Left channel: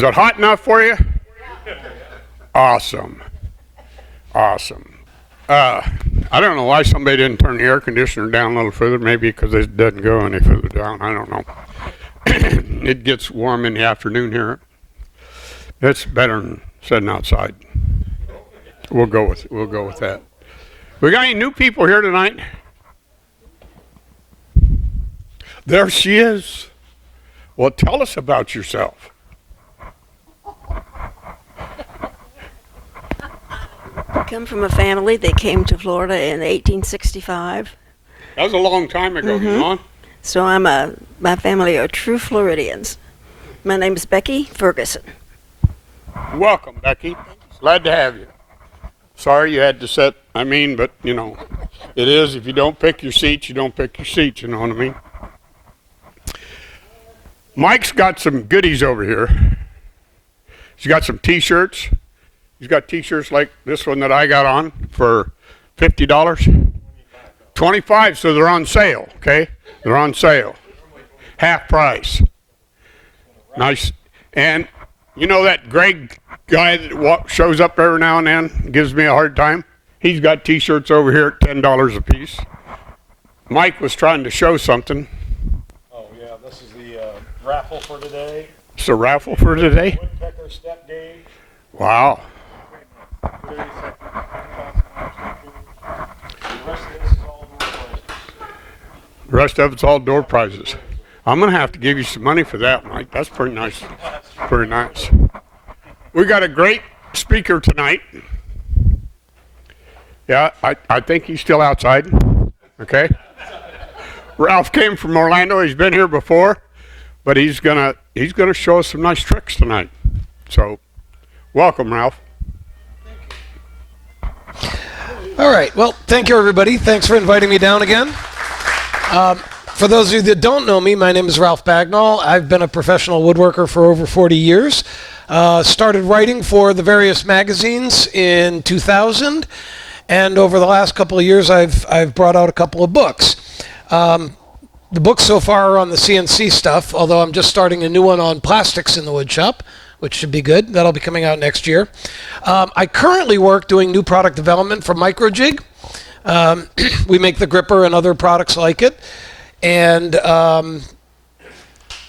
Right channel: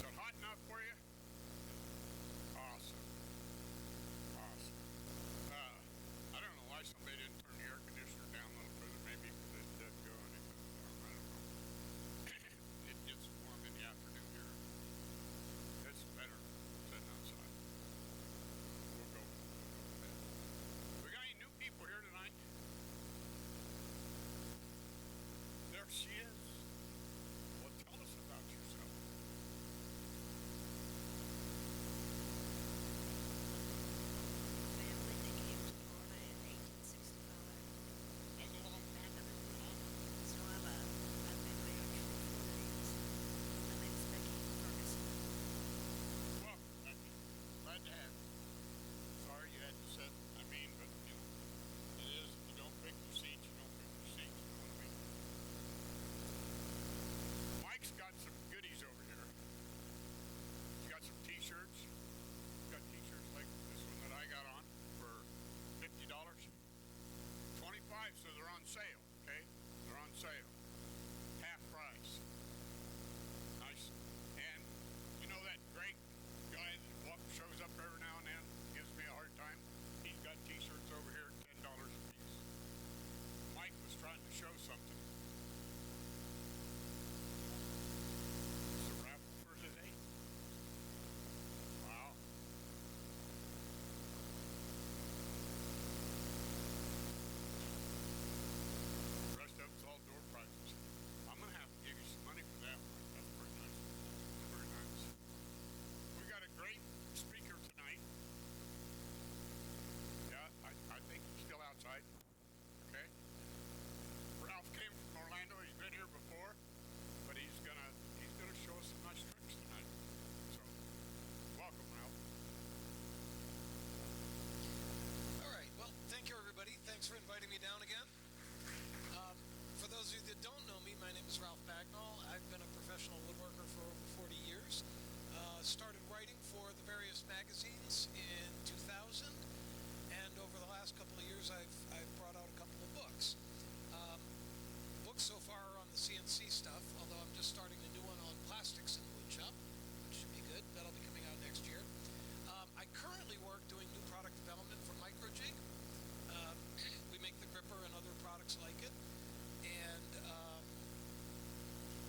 Is it hot enough for you? Awesome. Awesome. I don't know why somebody didn't turn the air conditioner down a little further. Maybe because it doesn't go any further down. I don't know. It gets warm in the afternoon here. It's better than sitting outside. We'll go with that. We got any new people here tonight? There she is. Well, tell us about yourself. I come from a family that came to Florida in 1865. That was a long time ago, Yvonne. So my family are true Floridians. My name is Becky Ferguson. Welcome, Becky. Glad to have you. Sorry you had to sit, but, it is. If you don't pick your seats, you don't pick your seats, you know what I mean? Mike's got some goodies over here. He's got some T-shirts. He's got T-shirts like this one that I got on for $50. 25, so they're on sale, okay? They're on sale. Half price. Nice. And you know that Greg guy that shows up every now and then, gives me a hard time? He's got T-shirts over here at $10 a piece. Mike was trying to show something. Oh, yeah, this is the raffle for today. It's a raffle for today? Woodpecker step gauge. Wow. The rest of it's all door prizes. I'm going to have to give you some money for that, Mike. That's pretty nice. Pretty nice. We got a great speaker tonight. Yeah, I think he's still outside. Okay. Ralph came from Orlando. He's been here before, but he's gonna show us some nice tricks tonight. So, welcome, Ralph. All right. Well, thank you, everybody. Thanks for inviting me down again. For those of you that don't know me, my name is Ralph Bagnall. I've been a professional woodworker for over 40 years. Started writing for the various magazines in 2000, and over the last couple of years, I've brought out a couple of books. The books so far are on the CNC stuff, although I'm just starting a new one on plastics in the wood shop, which should be good. That'll be coming out next year. I currently work doing new product development for Microjig. We make the gripper and other products like it. And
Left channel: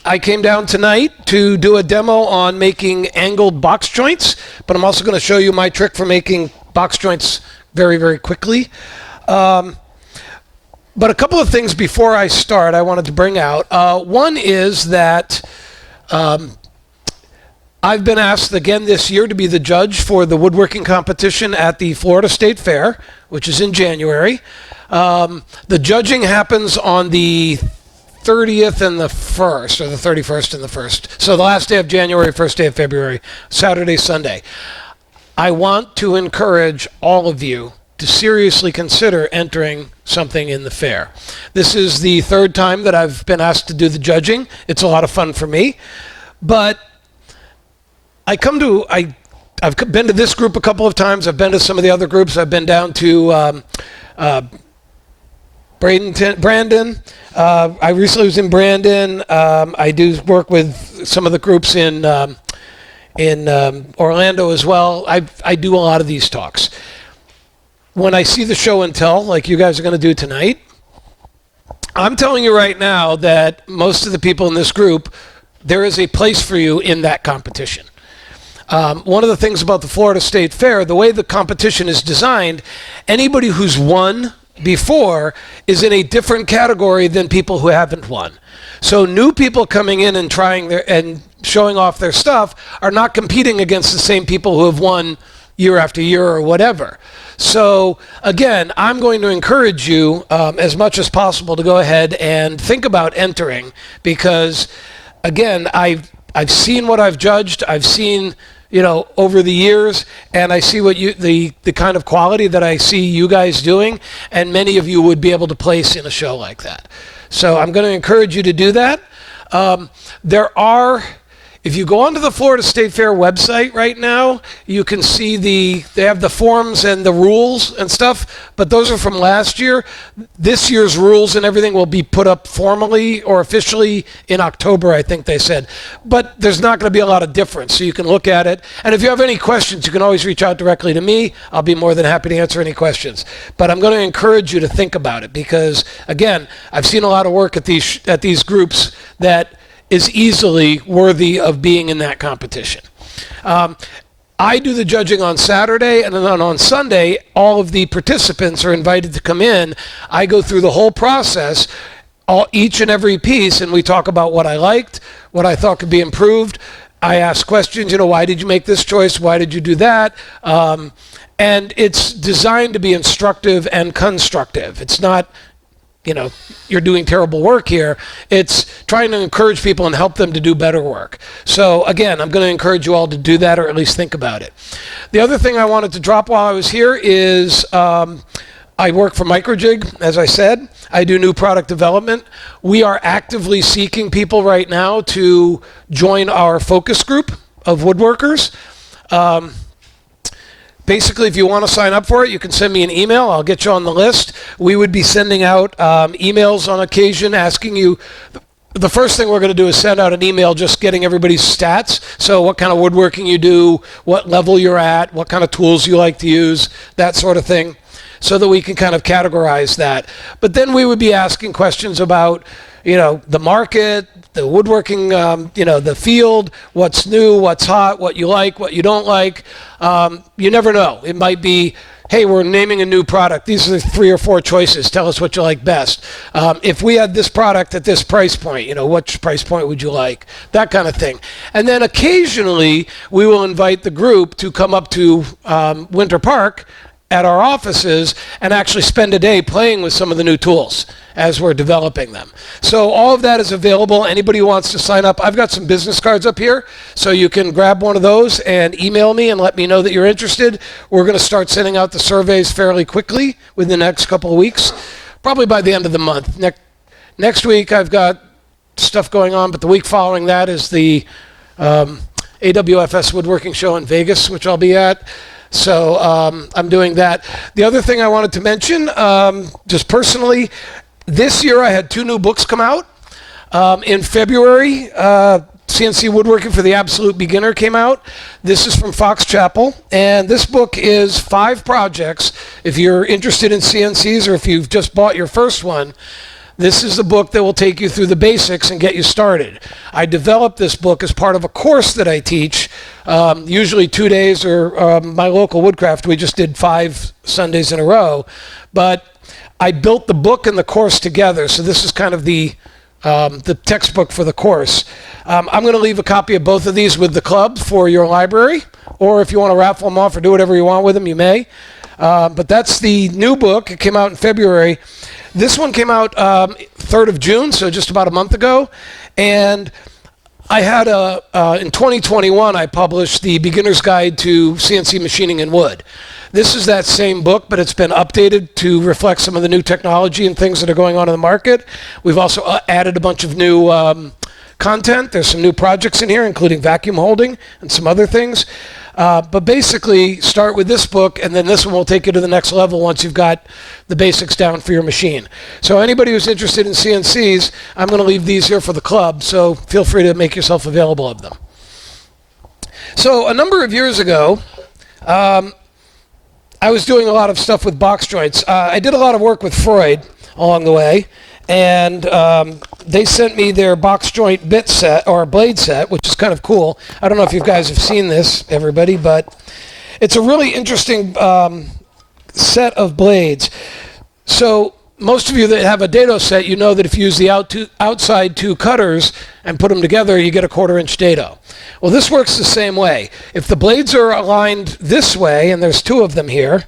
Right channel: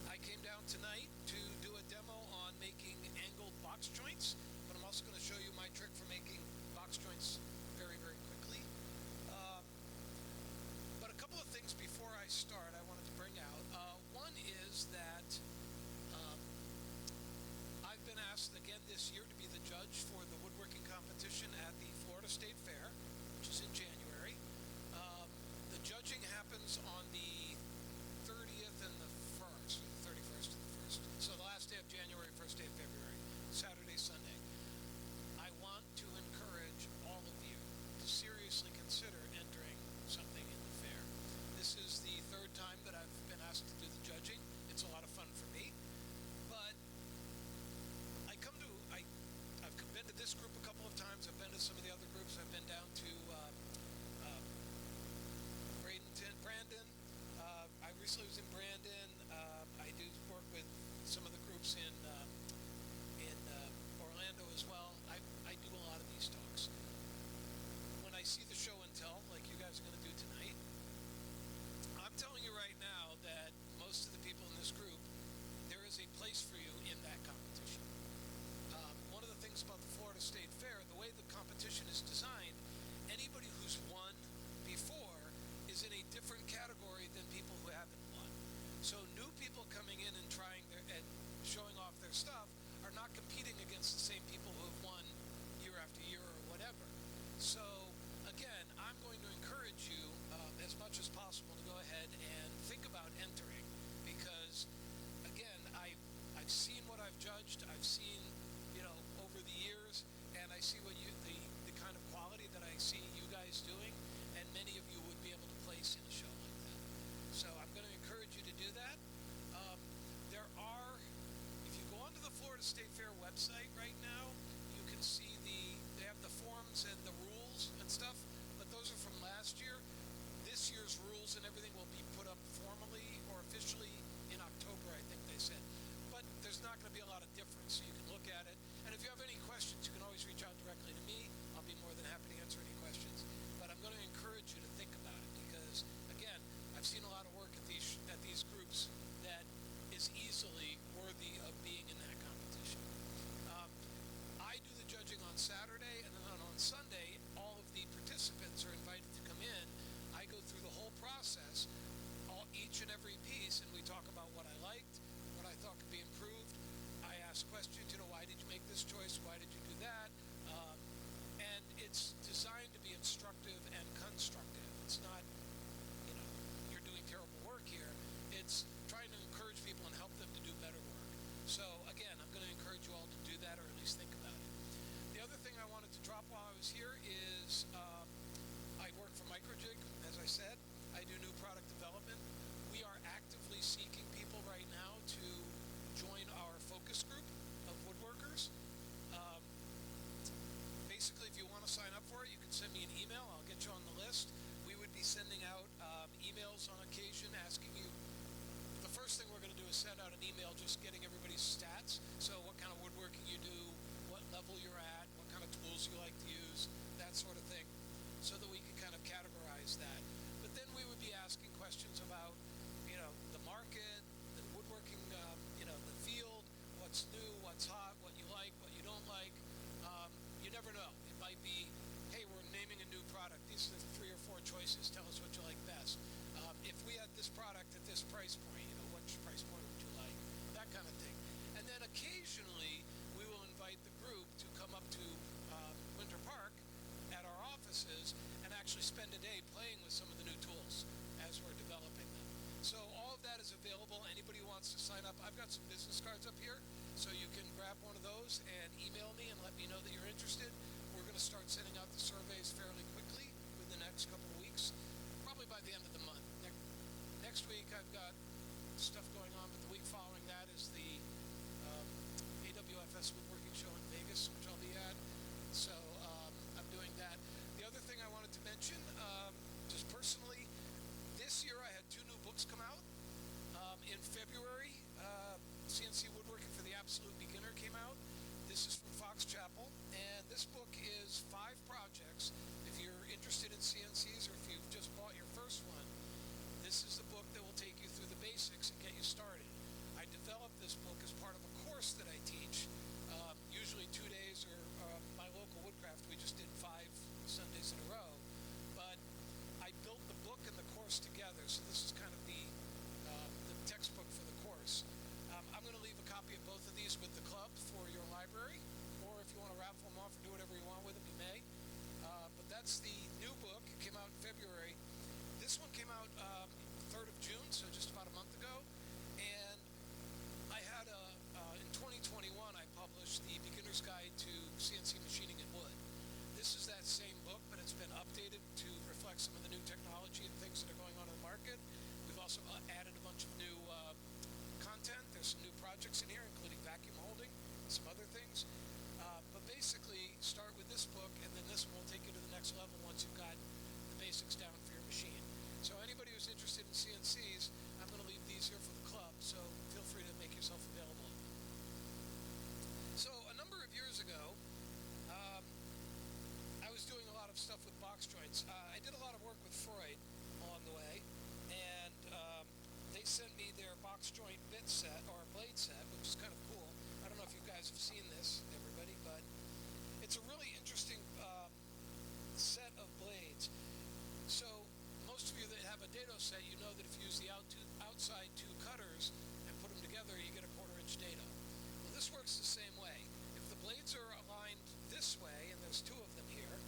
I came down tonight to do a demo on making angled box joints, but I'm also going to show you my trick for making box joints very, very quickly. But a couple of things before I start I wanted to bring out. One is that I've been asked again this year to be the judge for the woodworking competition at the Florida State Fair, which is in January. The judging happens on the 30th and the 1st, or the 31st and the 1st. So the last day of January, first day of February, Saturday, Sunday. I want to encourage all of you to seriously consider entering something in the fair. This is the third time that I've been asked to do the judging. It's a lot of fun for me. But I've been to this group a couple of times. I've been to some of the other groups. I've been down to Brandon. I recently was in Brandon. I do work with some of the groups in Orlando as well. I do a lot of these talks. When I see the show and tell, like you guys are going to do tonight, I'm telling you right now that most of the people in this group, there is a place for you in that competition. One of the things about the Florida State Fair, the way the competition is designed, anybody who's won before is in a different category than people who haven't won. So new people coming in and and showing off their stuff are not competing against the same people who have won year after year or whatever. So again, I'm going to encourage you as much as possible to go ahead and think about entering, because again, I've seen what I've judged. I've seen, over the years, and I see what the kind of quality that I see you guys doing, and many of you would be able to place in a show like that. So I'm going to encourage you to do that. There are, If you go onto the Florida State Fair website right now, you can see they have the forms and the rules and stuff, but those are from last year. This year's rules and everything will be put up formally or officially in October, I think they said. But there's not going to be a lot of difference, so you can look at it. And if you have any questions, you can always reach out directly to me. I'll be more than happy to answer any questions. But I'm going to encourage you to think about it because, again, I've seen a lot of work at these groups that is easily worthy of being in that competition. I do the judging on Saturday, and then on Sunday, all of the participants are invited to come in. I go through the whole process, each and every piece, and we talk about what I liked, what I thought could be improved. I ask questions, why did you make this choice? Why did you do that? And it's designed to be instructive and constructive. It's not, you're doing terrible work here. It's trying to encourage people and help them to do better work. So again, I'm going to encourage you all to do that or at least think about it. The other thing I wanted to drop while I was here is I work for Microjig, as I said. I do new product development. We are actively seeking people right now to join our focus group of woodworkers. Basically, if you want to sign up for it, you can send me an email. I'll get you on the list. We would be sending out emails on occasion asking you. The first thing we're going to do is send out an email just getting everybody's stats. So what kind of woodworking you do, what level you're at, what kind of tools you like to use, that sort of thing, so that we can kind of categorize that. But then we would be asking questions about, the market, the woodworking, the field, what's new, what's hot, what you like, what you don't like. You never know. It might be, hey, we're naming a new product. These are the 3 or 4 choices. Tell us what you like best. If we had this product at this price point, which price point would you like? That kind of thing. And then occasionally we will invite the group to come up to Winter Park at our offices and actually spend a day playing with some of the new tools as we're developing them. So all of that is available. Anybody who wants to sign up, I've got some business cards up here, so you can grab one of those and email me and let me know that you're interested. We're going to start sending out the surveys fairly quickly within the next couple of weeks, probably by the end of the month. Next week I've got stuff going on, but the week following that is the AWFS Woodworking Show in Vegas, which I'll be at. So I'm doing that. The other thing I wanted to mention, just personally, this year I had 2 new books come out. In February, CNC Woodworking for the Absolute Beginner came out. This is from Fox Chapel, and this book is 5 projects. If you're interested in CNCs or if you've just bought your first one, this is the book that will take you through the basics and get you started. I developed this book as part of a course that I teach, usually 2 days, or my local Woodcraft, we just did 5 Sundays in a row. But I built the book and the course together, so this is kind of the textbook for the course. I'm going to leave a copy of both of these with the club for your library, or if you want to raffle them off or do whatever you want with them, you may. But that's the new book. It came out in February. This one came out 3rd of June, so just about a month ago. And I had in 2021, I published the Beginner's Guide to CNC Machining in Wood. This is that same book, but it's been updated to reflect some of the new technology and things that are going on in the market. We've also added a bunch of new content. There's some new projects in here, including vacuum holding and some other things. But basically, start with this book, and then this one will take you to the next level once you've got the basics down for your machine. So anybody who's interested in CNCs, I'm going to leave these here for the club, so feel free to make yourself available of them. So a number of years ago, I was doing a lot of stuff with box joints. I did a lot of work with Freud along the way, and they sent me their box joint bit set, or blade set, which is kind of cool. I don't know if you guys have seen this, everybody, but it's a really interesting set of blades. So most of you that have a dado set, you know that if you use the outside 2 cutters and put them together, you get a 1/4 inch dado. Well, this works the same way. If the blades are aligned this way, and there's 2 of them here,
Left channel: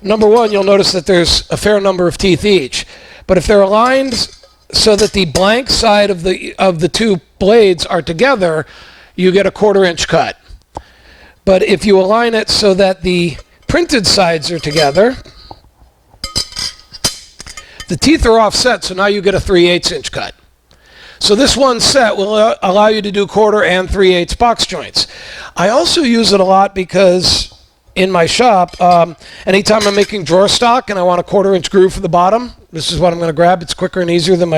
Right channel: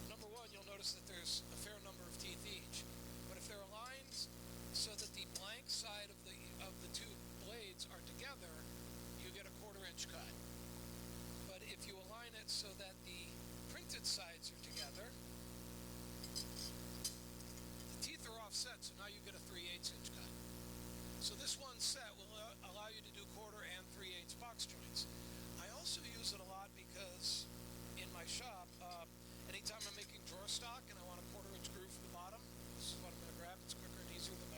number 1, you'll notice that there's a fair number of teeth each. But if they're aligned so that the blank side of the 2 blades are together, you get a 1/4 inch cut. But if you align it so that the printed sides are together, the teeth are offset, so now you get a 3/8 inch cut. So this one set will allow you to do 1/4 and 3/8 box joints. I also use it a lot because in my shop, anytime I'm making drawer stock and I want a 1/4 inch groove for the bottom, this is what I'm going to grab. It's quicker and easier than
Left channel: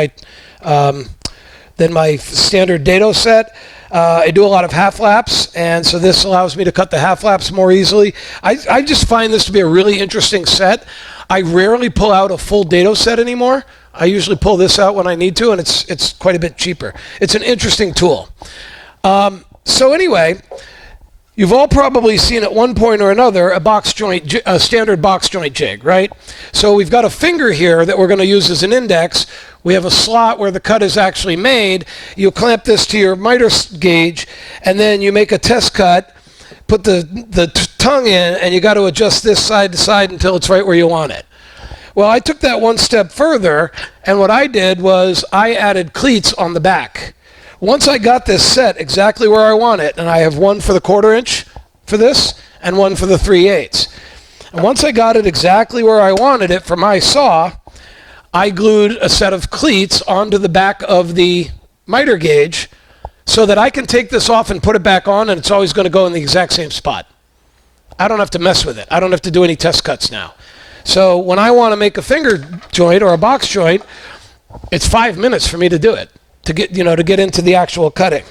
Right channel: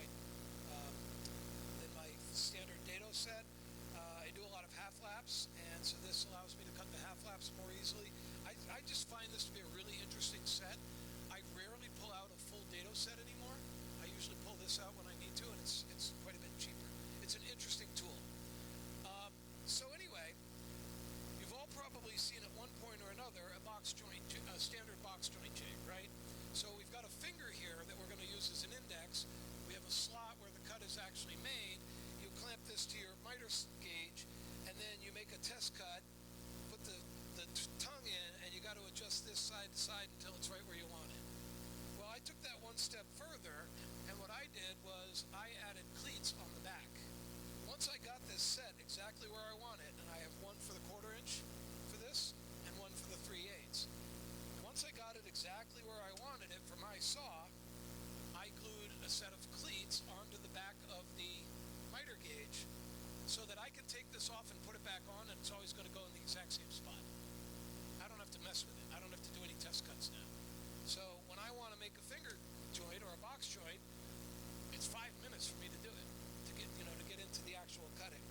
my standard dado set. I do a lot of half laps, and so this allows me to cut the half laps more easily. I just find this to be a really interesting set. I rarely pull out a full dado set anymore. I usually pull this out when I need to, and it's quite a bit cheaper. It's an interesting tool. So anyway, you've all probably seen at one point or another a standard box joint jig, right? So we've got a finger here that we're going to use as an index. We have a slot where the cut is actually made. You clamp this to your miter gauge, and then you make a test cut, put the tongue in, and you got to adjust this side to side until it's right where you want it. Well, I took that one step further, and what I did was I added cleats on the back. Once I got this set exactly where I want it, and I have one for the 1/4 inch for this and one for the 3/8. And once I got it exactly where I wanted it for my saw, I glued a set of cleats onto the back of the miter gauge so that I can take this off and put it back on, and it's always going to go in the exact same spot. I don't have to mess with it. I don't have to do any test cuts now. So when I want to make a finger joint or a box joint, it's 5 minutes for me to do it, to get into the actual cutting.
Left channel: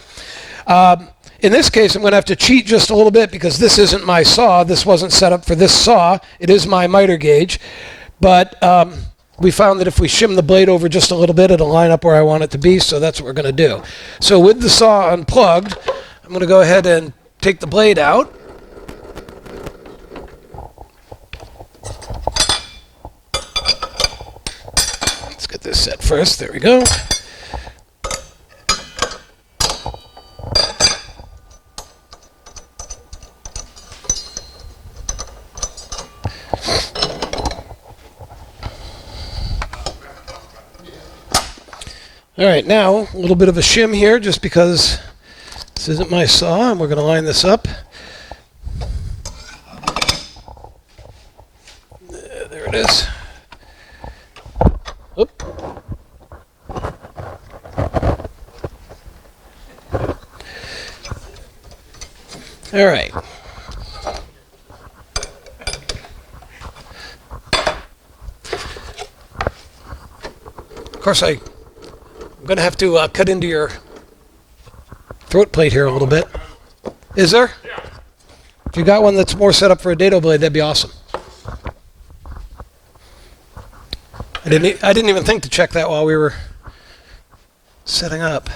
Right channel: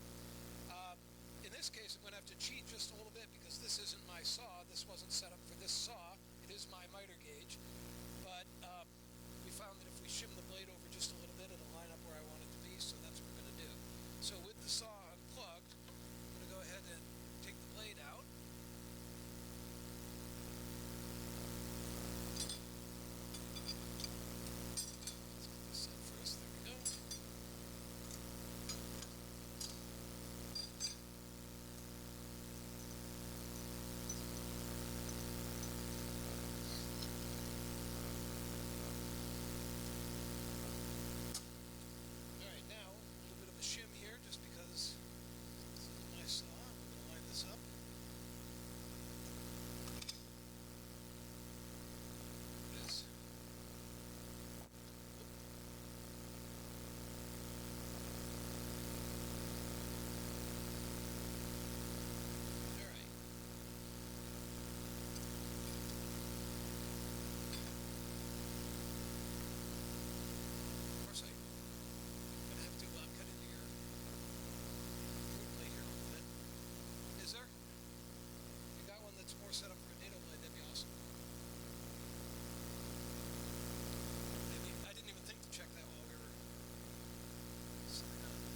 In this case, I'm going to have to cheat just a little bit because this isn't my saw. This wasn't set up for this saw. It is my miter gauge. But we found that if we shim the blade over just a little bit, it'll line up where I want it to be, so that's what we're going to do. So with the saw unplugged, I'm going to go ahead and take the blade out. Let's get this set first. There we go. All right, now a little bit of a shim here just because this isn't my saw, and we're going to line this up. There it is. Oop. All right. Of course, I'm going to have to cut into your throat plate here a little bit. Is there? Yeah. If you got one that's more set up for a dado blade, that'd be awesome. I didn't even think to check that while we were setting up.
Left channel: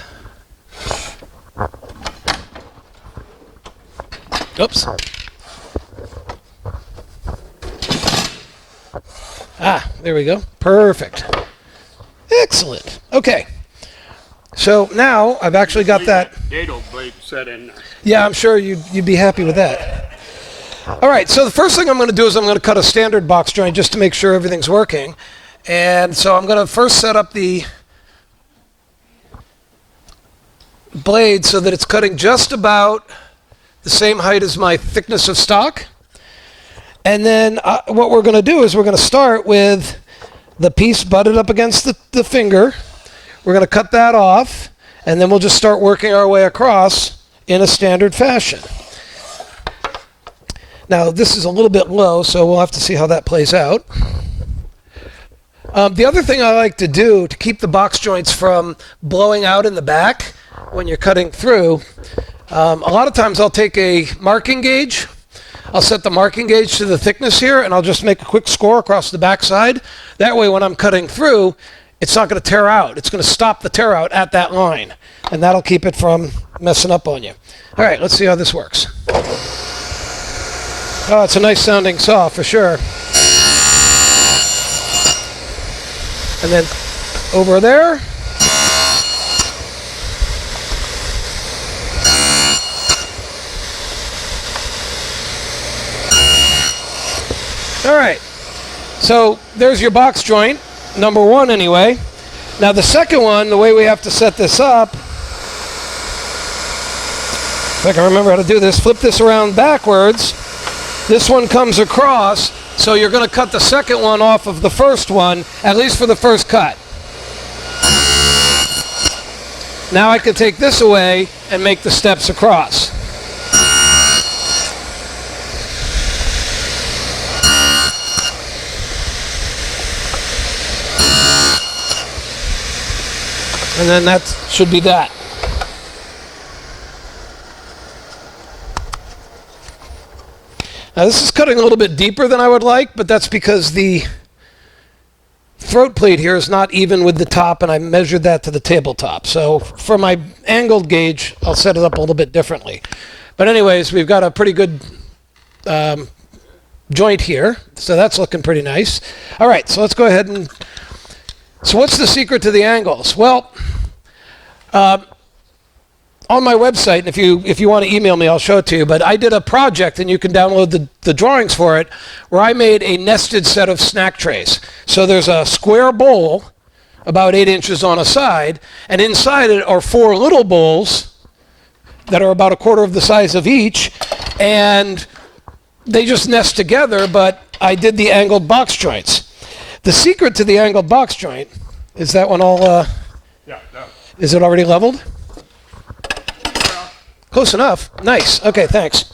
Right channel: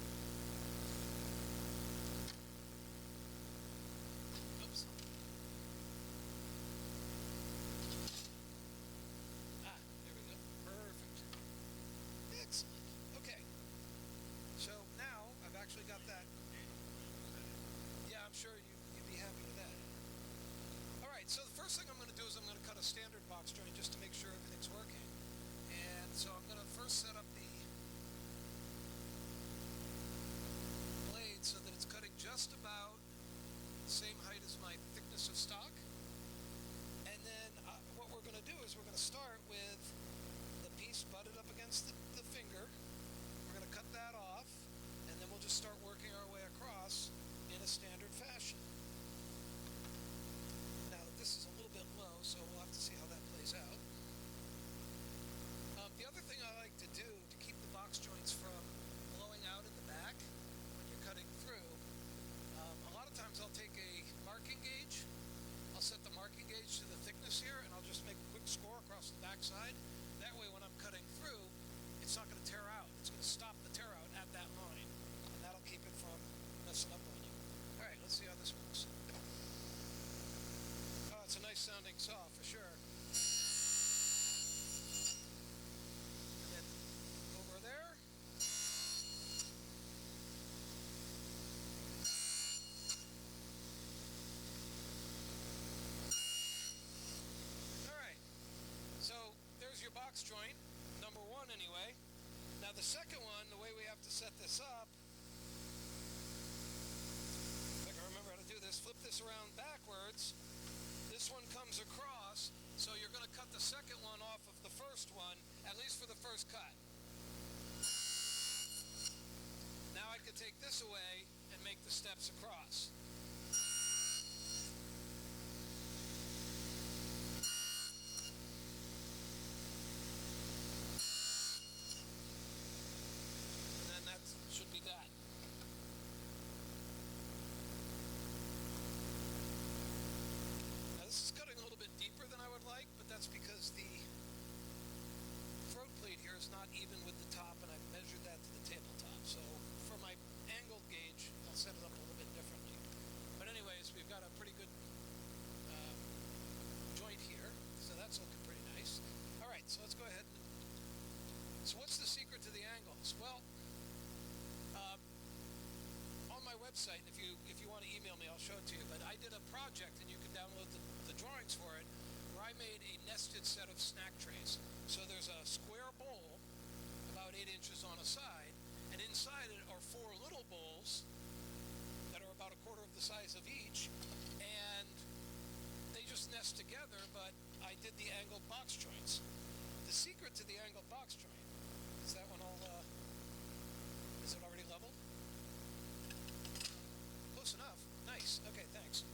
Oops. Ah, there we go. Perfect. Excellent. Okay. So now I've actually got that. Dado blade set in there. Yeah, I'm sure you'd be happy with that. All right, so the first thing I'm going to do is I'm going to cut a standard box joint just to make sure everything's working. And so I'm going to first set up the blade so that it's cutting just about the same height as my thickness of stock. And then what we're going to do is we're going to start with the piece butted up against the finger. We're going to cut that off, and then we'll just start working our way across in a standard fashion. Now, this is a little bit low, so we'll have to see how that plays out. The other thing I like to do to keep the box joints from blowing out in the back when you're cutting through, a lot of times I'll take a marking gauge. I'll set the marking gauge to the thickness here, and I'll just make a quick score across the back side. That way, when I'm cutting through, it's not going to tear out. It's going to stop the tear out at that line, and that'll keep it from messing up on you. All right, let's see how this works. Oh, it's a nice sounding saw for sure. And then over there. All right, so there's your box joint, number one anyway. Now the second one, the way we have to set this up, if I can remember how to do this, flip this around backwards. This one comes across, so you're going to cut the second one off of the first one, at least for the first cut. Now I can take this away and make the steps across. And then that should be that. Now this is cutting a little bit deeper than I would like, but that's because the throat plate here is not even with the top, and I measured that to the tabletop. So for my angled gauge, I'll set it up a little bit differently. But anyways, we've got a pretty good joint here, so that's looking pretty nice. All right, so let's go ahead and... So what's the secret to the angles? Well, on my website, and if you want to email me, I'll show it to you, but I did a project, and you can download the drawings for it, where I made a nested set of snack trays. So there's a square bowl, about 8 inches on a side, and inside it are 4 little bowls that are about a quarter of the size of each, and they just nest together, but I did the angled box joints. The secret to the angled box joint, is that one all, Yeah, no. is it already leveled? Close enough. Nice. Okay, thanks.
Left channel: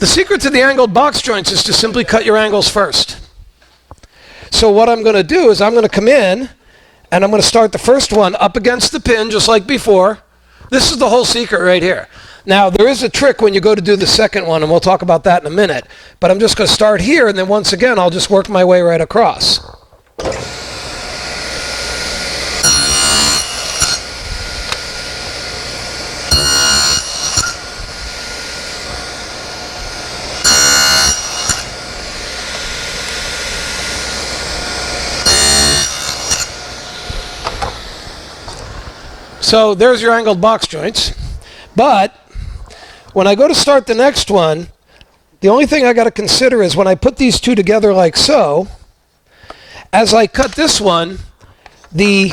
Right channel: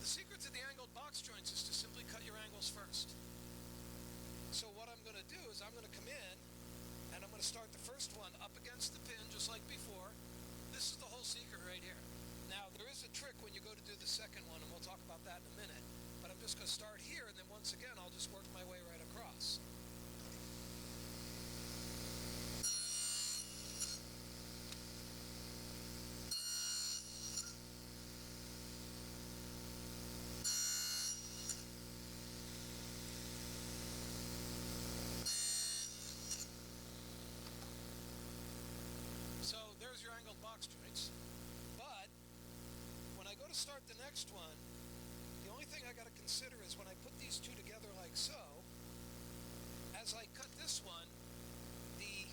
The secret to the angled box joints is to simply cut your angles first. So what I'm going to do is I'm going to come in, and I'm going to start the first one up against the pin, just like before. This is the whole secret right here. Now, there is a trick when you go to do the second one, and we'll talk about that in a minute. But I'm just going to start here, and then once again, I'll just work my way right across. So there's your angled box joints. But when I go to start the next one, the only thing I got to consider is when I put these two together like so, as I cut this one, the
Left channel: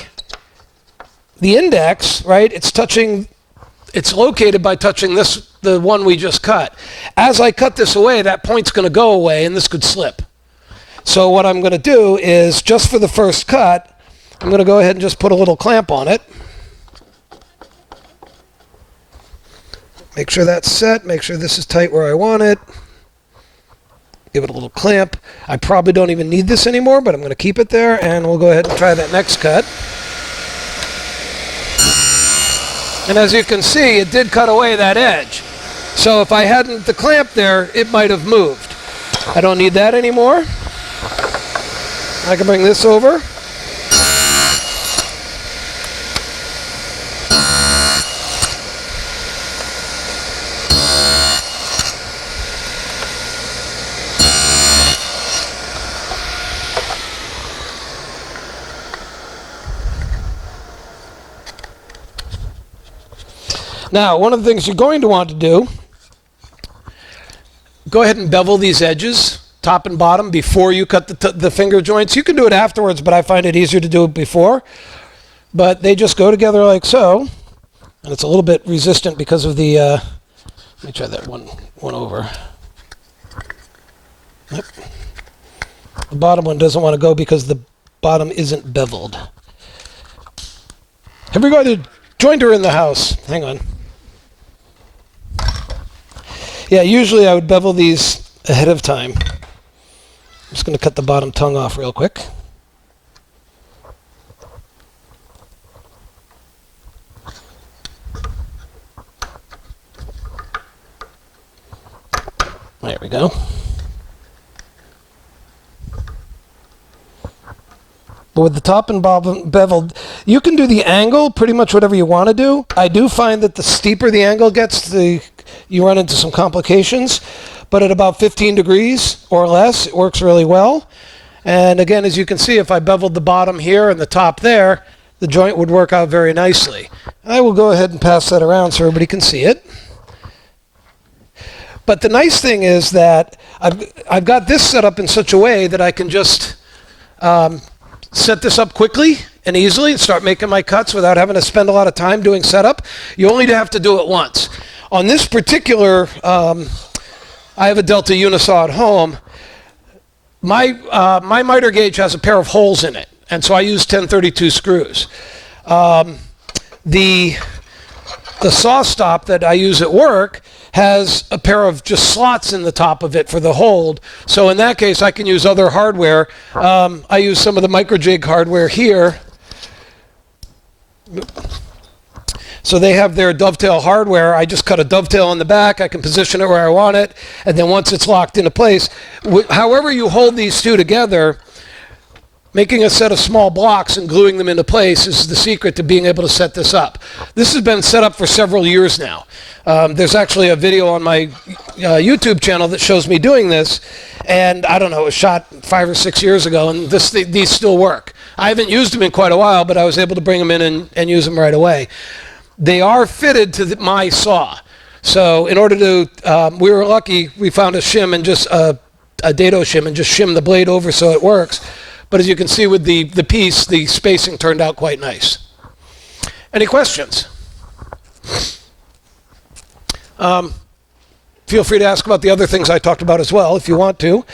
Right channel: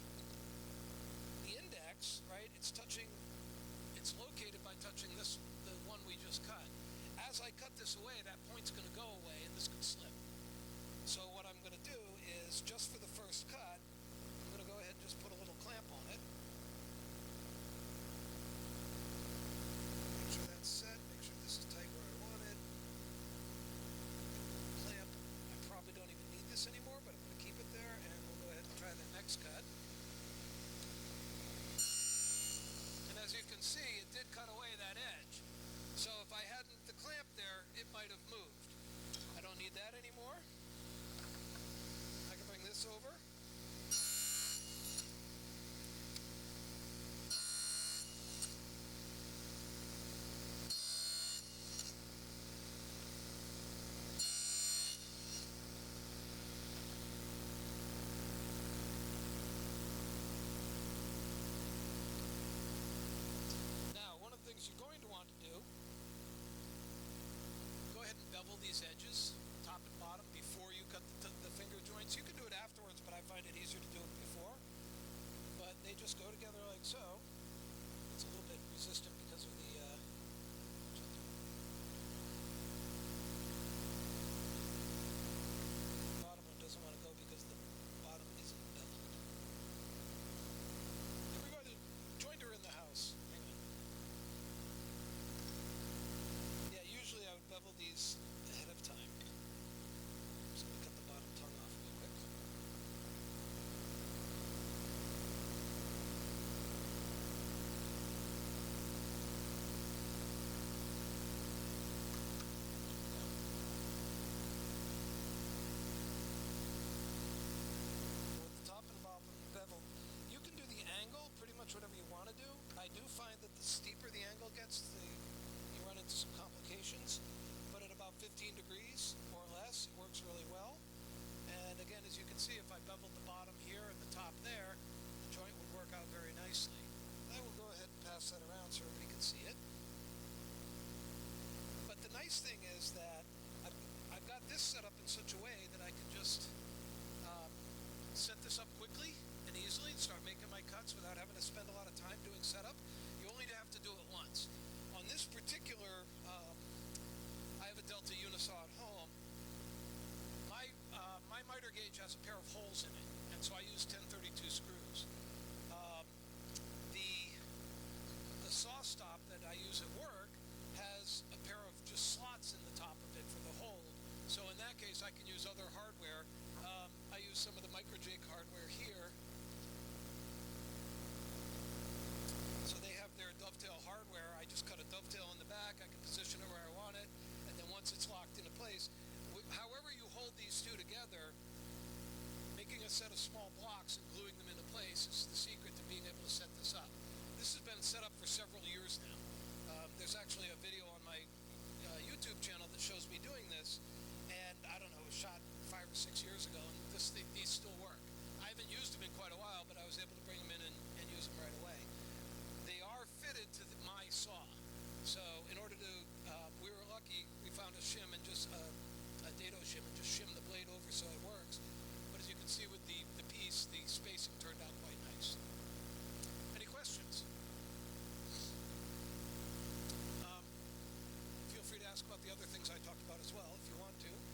index, right, it's located by touching the one we just cut. As I cut this away, that point's going to go away, and this could slip. So what I'm going to do is, just for the first cut, I'm going to go ahead and just put a little clamp on it. Make sure that's set. Make sure this is tight where I want it. Give it a little clamp. I probably don't even need this anymore, but I'm going to keep it there, and we'll go ahead and try that next cut. And as you can see, it did cut away that edge. So if I hadn't the clamp there, it might have moved. I don't need that anymore. I can bring this over. Now, one of the things you're going to want to do, go ahead and bevel these edges, top and bottom, before you cut the finger joints. You can do it afterwards, but I find it easier to do it before. But they just go together like so, and it's a little bit resistant because of the, let me try that one over. Yep. The bottom one doesn't want to go because the bottom isn't beveled. Have we got a jointer in the house? Hang on. Yeah, usually I would bevel these ahead of time. I'm just going to cut the bottom tongue off real quick. There we go. But with the top and bottom beveled, you can do the angle pretty much whatever you want to do. I do find that the steeper the angle gets, you run into some complications. But at about 15 degrees or less, it works really well. And again, as you can see, if I beveled the bottom here and the top there, the joint would work out very nicely. I will go ahead and pass that around so everybody can see it. But the nice thing is that I've got this set up in such a way that I can just set this up quickly and easily and start making my cuts without having to spend a lot of time doing setup. You only have to do it once. On this particular, I have a Delta Unisaw at home. My miter gauge has a pair of holes in it, and so I use 1032 screws. the saw stop that I use at work has a pair of just slots in the top of it for the hold. So in that case, I can use other hardware. I use some of the microjig hardware here. So they have their dovetail hardware. I just cut a dovetail in the back. I can position it where I want it. And then once it's locked into place, however you hold these two together, making a set of small blocks and gluing them into place is the secret to being able to set this up. This has been set up for several years now. There's actually a video on my YouTube channel that shows me doing this, and I don't know, it was shot 5 or 6 years ago, and these still work. I haven't used them in quite a while, but I was able to bring them in and use them right away. They are fitted to my saw. So in order to, we were lucky, we found a shim and just a dado shim and just shim the blade over so it works. But as you can see with the piece, the spacing turned out quite nice. Any questions? Feel free to ask about the other things I talked about as well if you want to.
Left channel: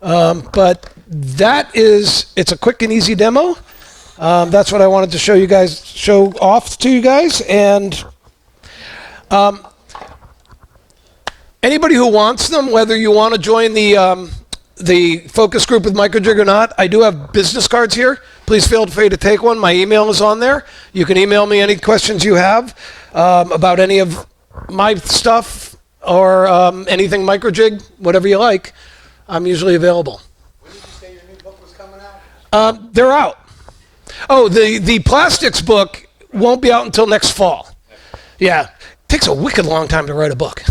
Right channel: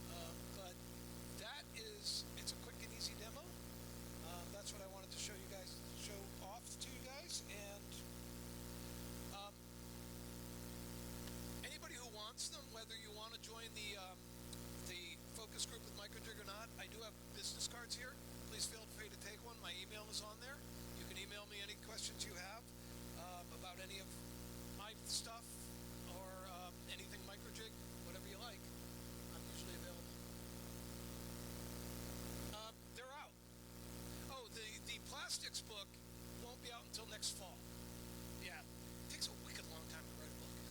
But it's a quick and easy demo. That's what I wanted to show off to you guys. And anybody who wants them, whether you want to join the focus group with microjig or not, I do have business cards here. Please feel free to take one. My email is on there. You can email me any questions you have about any of my stuff or anything microjig, whatever you like. I'm usually available. When did you say your new book was coming out? They're out. Oh, the plastics book won't be out until next fall. Yeah. It takes a wicked long time to write a book.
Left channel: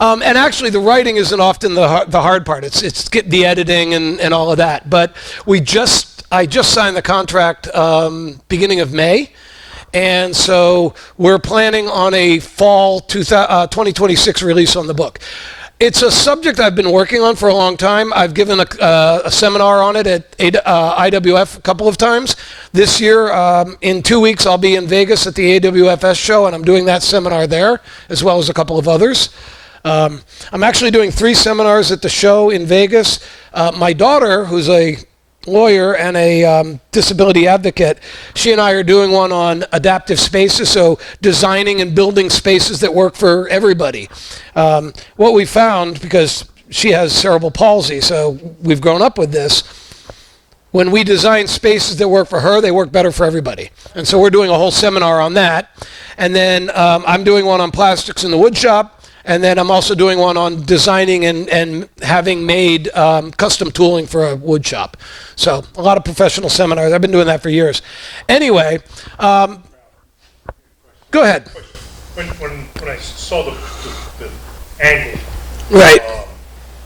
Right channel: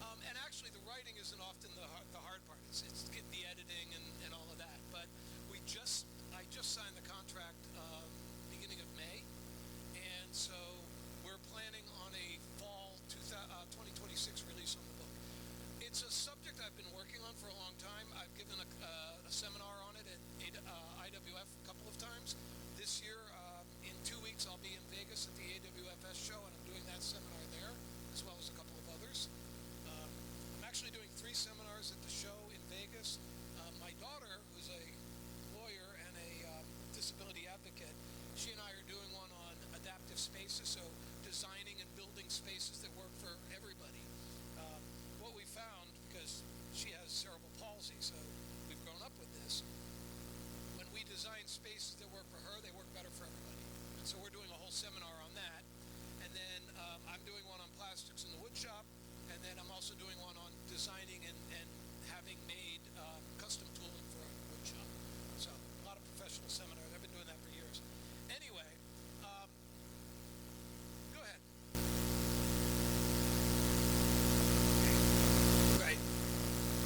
And actually, the writing isn't often the hard part. It's the editing and all of that. But I just signed the contract beginning of May. And so we're planning on a fall 2026 release on the book. It's a subject I've been working on for a long time. I've given a seminar on it at IWF a couple of times. This year, in 2 weeks, I'll be in Vegas at the AWFS show, and I'm doing that seminar there, as well as a couple of others. I'm actually doing 3 seminars at the show in Vegas. My daughter, who's a lawyer and a disability advocate, she and I are doing one on adaptive spaces, so designing and building spaces that work for everybody. What we found, because she has cerebral palsy, so we've grown up with this, when we design spaces that work for her, they work better for everybody. And so we're doing a whole seminar on that. And then I'm doing one on plastics in the wood shop. And then I'm also doing one on designing and having made custom tooling for a wood shop. So a lot of professional seminars. I've been doing that for years. Anyway, go ahead. When I saw the angle, Right.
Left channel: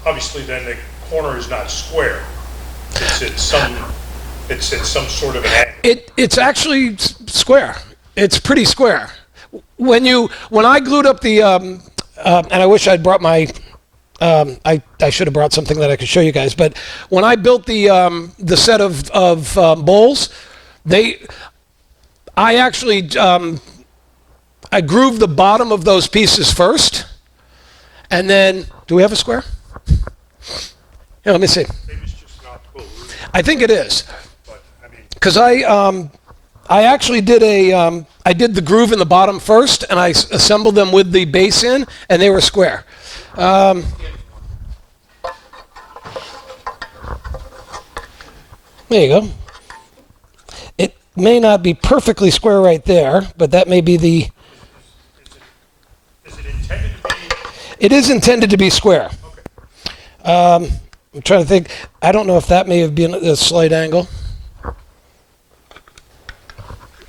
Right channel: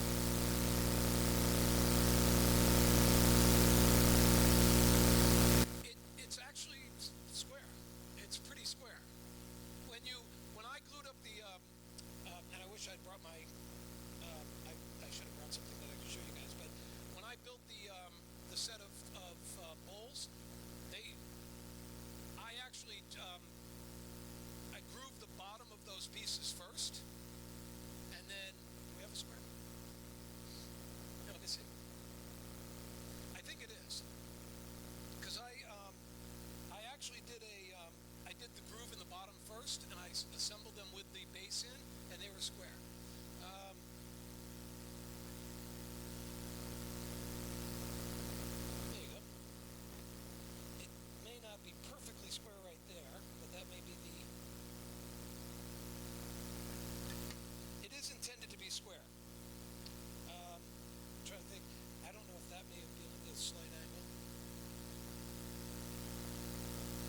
Obviously then the corner is not square. It's at some sort of an angle. It's actually square. It's pretty square. When I glued up the and I wish I'd brought my I should have brought something that I could show you guys. But when I built the set of bowls, I actually I grooved the bottom of those pieces first, and then do we have a square? Here, let me see. Maybe it's just not cool. I think it is, But I mean, because I actually did I did the groove in the bottom first, and I assembled them with the base in, and they were square. There you go. It may not be perfectly square right there, but that may be the... is it intended to be? It is intended to be square. Okay. I'm trying to think. I don't know if that may have been a slight angle.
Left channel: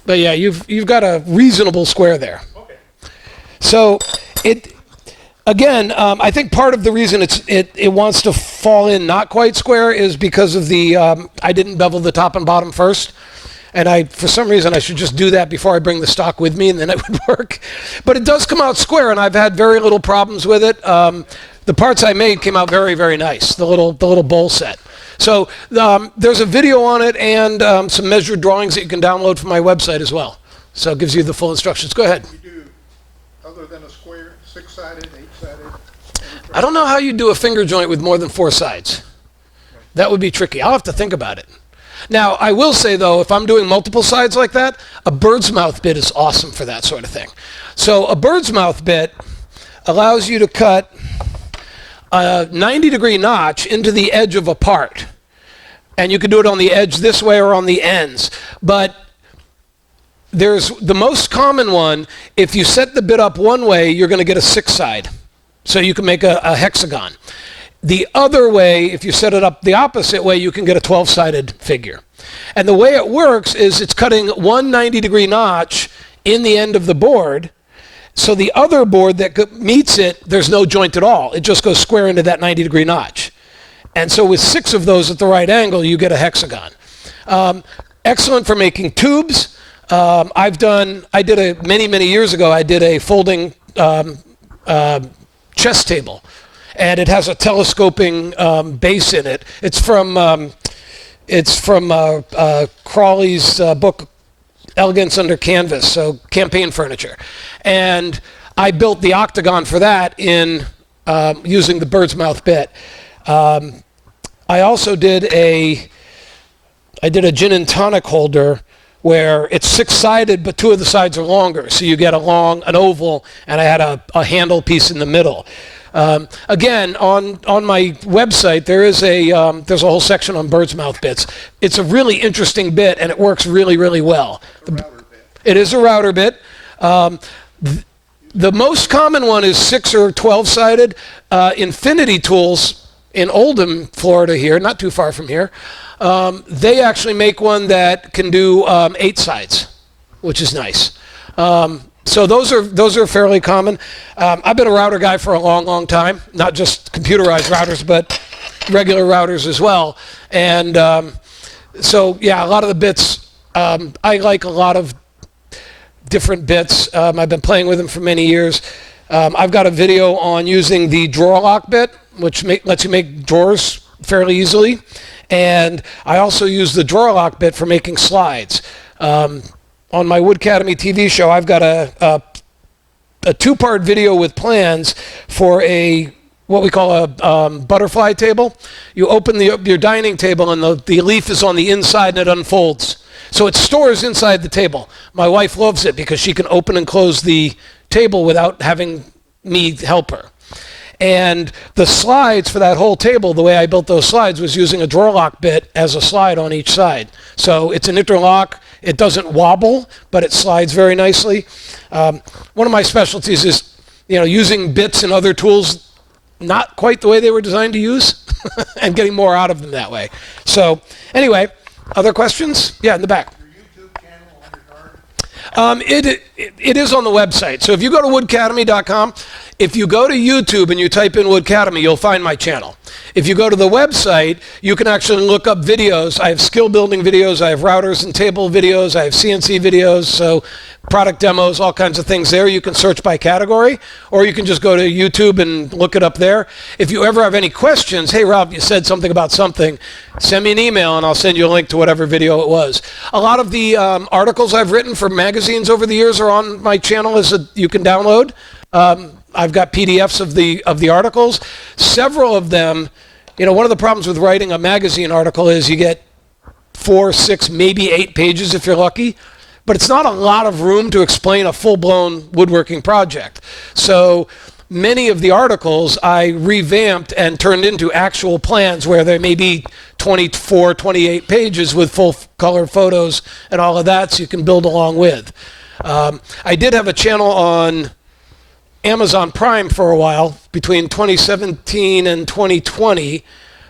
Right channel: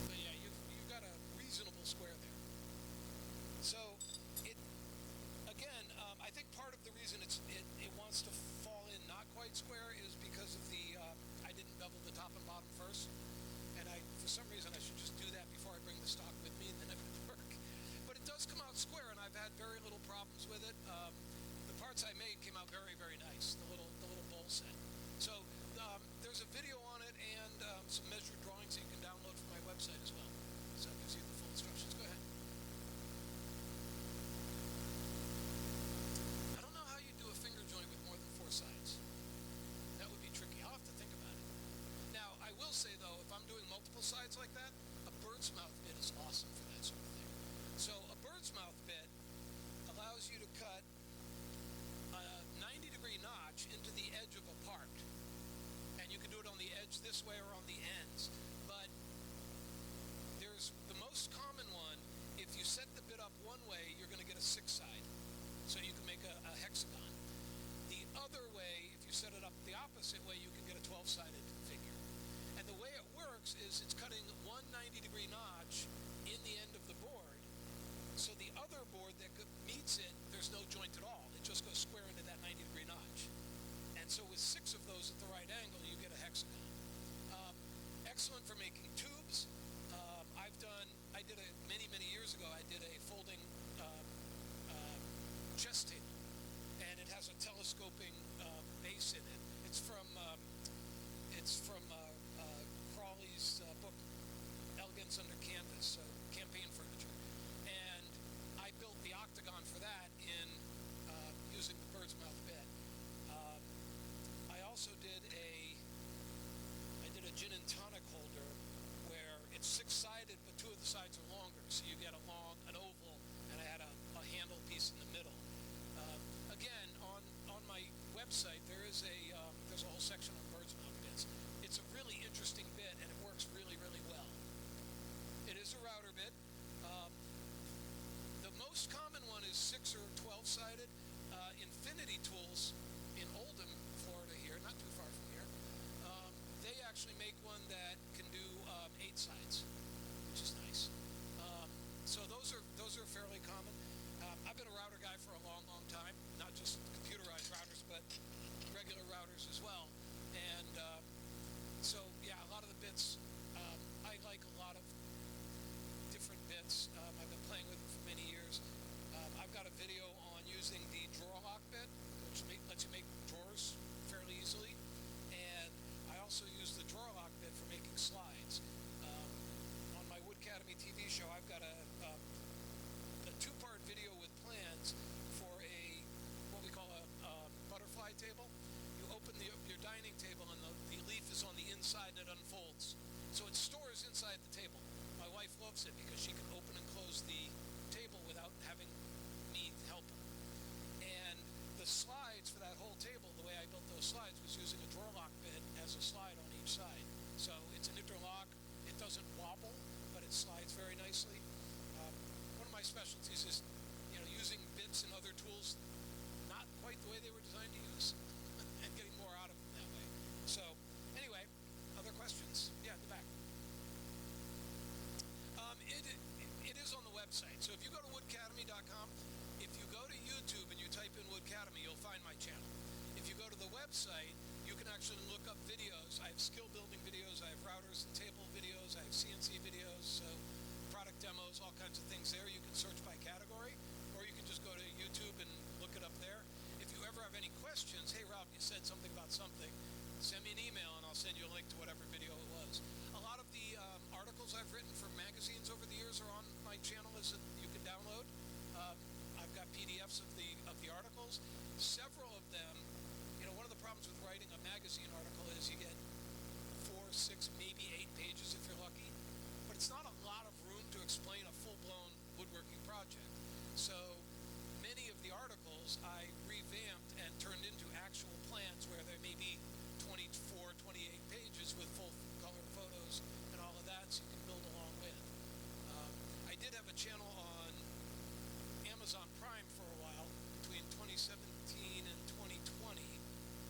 But yeah, you've got a reasonable square there. Okay. So I think part of the reason it wants to fall in not quite square is because of the I didn't bevel the top and bottom first, and for some reason I should just do that before I bring the stock with me, and then it would work. But it does come out square, and I've had very little problems with it. The parts I made came out very, very nice. The little bowl set. So there's a video on it and some measured drawings that you can download from my website as well. So it gives you the full instructions. Go ahead. You do, other than a square, 6-sided, 8-sided? I don't know how you do a finger joint with more than 4 sides. That would be tricky. I'll have to think about it. Now, I will say, though, if I'm doing multiple sides like that, a bird's mouth bit is awesome for that sort of thing. So a bird's mouth bit allows you to cut a 90-degree notch into the edge of a part. And you can do it on the edge this way or on the ends. But there's the most common one, if you set the bit up one way, you're going to get a 6-side. So you can make a hexagon. The other way, if you set it up the opposite way, you can get a 12-sided figure. And the way it works is it's cutting one 90-degree notch in the end of the board. So the other board that meets it, there's no joint at all. It just goes square into that 90-degree notch. And so with 6 of those at the right angle, you get a hexagon. Excellent for making tubes. Many years ago, I did a folding chess table. And it has a telescoping base in it. It's from Crawley's book, Elegance Under Canvas, so campaign furniture. And I built the octagon for that in using the bird's mouth bit. I also did a gin and tonic holder where it's 6-sided, but 2 of the sides are longer. So you get an oval, and I had a handle piece in the middle. Again, on my website, there's a whole section on bird's mouth bits. It's a really interesting bit, and it works really, really well. It is a router bit. The most common one is 6 or 12-sided. Infinity Tools in Oldham, Florida here, not too far from here, they actually make one that can do 8 sides, which is nice. So those are fairly common. I've been a router guy for a long, long time, not just computerized routers, but regular routers as well. And so, yeah, a lot of the bits, I like a lot of different bits. I've been playing with them for many years. I've got a video on using the drawer lock bit, which lets you make drawers fairly easily. And I also use the drawer lock bit for making slides. On my Wood Academy TV show, I've got a 2-part video with plans for what we call a butterfly table. You open your dining table, and the leaf is on the inside, and it unfolds. So it stores inside the table. My wife loves it because she can open and close the table without having me help her. And the slides for that whole table, the way I built those slides was using a drawer lock bit as a slide on each side. So it's an interlock. It doesn't wobble, but it slides very nicely. One of my specialties is, using bits and other tools not quite the way they were designed to use and getting more out of them that way. So anyway, other questions? Yeah, in the back. It is on the website. So if you go to woodacademy.com, if you go to YouTube and you type in Wood Academy, you'll find my channel. If you go to the website, you can actually look up videos. I have skill building videos. I have routers and table videos. I have CNC videos. So product demos, all kinds of things there. You can search by category, or you can just go to YouTube and look it up there. If you ever have any questions, hey, Rob, you said something about something, send me an email and I'll send you a link to whatever video it was. A lot of the articles I've written for magazines over the years are on my channel you can download. I've got PDFs of the articles. Several of them, one of the problems with writing a magazine article is you get 4, 6, maybe 8 pages if you're lucky. But it's not a lot of room to explain a full-blown woodworking project. So many of the articles I revamped and turned into actual plans where there may be 24, 28 pages with full color photos and all of that, so you can build along with. I did have a channel on Amazon Prime for a while, between 2017 and 2020,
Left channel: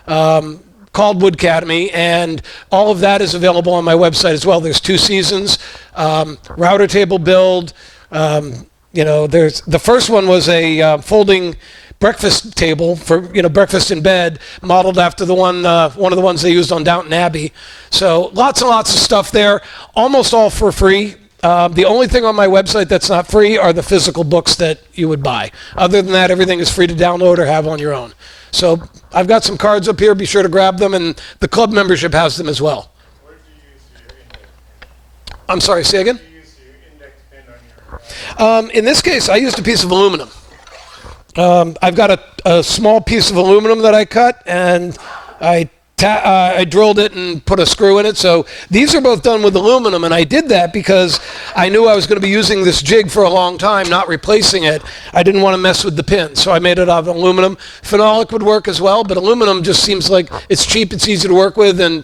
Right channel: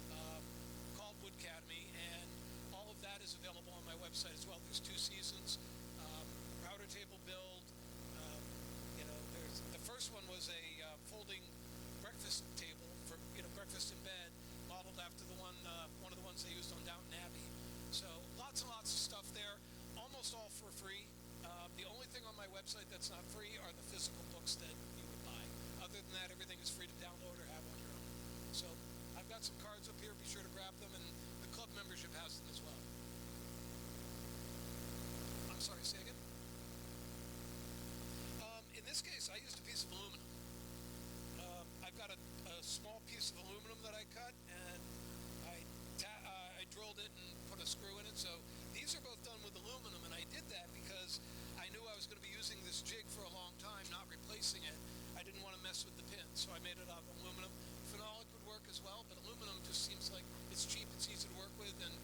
called Wood Academy, and all of that is available on my website as well. There's 2 seasons, router table build. There's the first one was a folding breakfast table for breakfast in bed, modeled after the one of the ones they used on Downton Abbey. So lots and lots of stuff there, almost all for free. The only thing on my website that's not free are the physical books that you would buy. Other than that, everything is free to download or have on your own. So I've got some cards up here. Be sure to grab them, and the club membership has them as well. What did you use for your index? I'm sorry, say again? What did you use for your index pin on your In this case, I used a piece of aluminum. I've got a small piece of aluminum that I cut, and I I drilled it and put a screw in it. So these are both done with aluminum, and I did that because I knew I was going to be using this jig for a long time, not replacing it. I didn't want to mess with the pin, so I made it out of aluminum. Phenolic would work as well, but aluminum just seems like it's cheap, it's easy to work with, and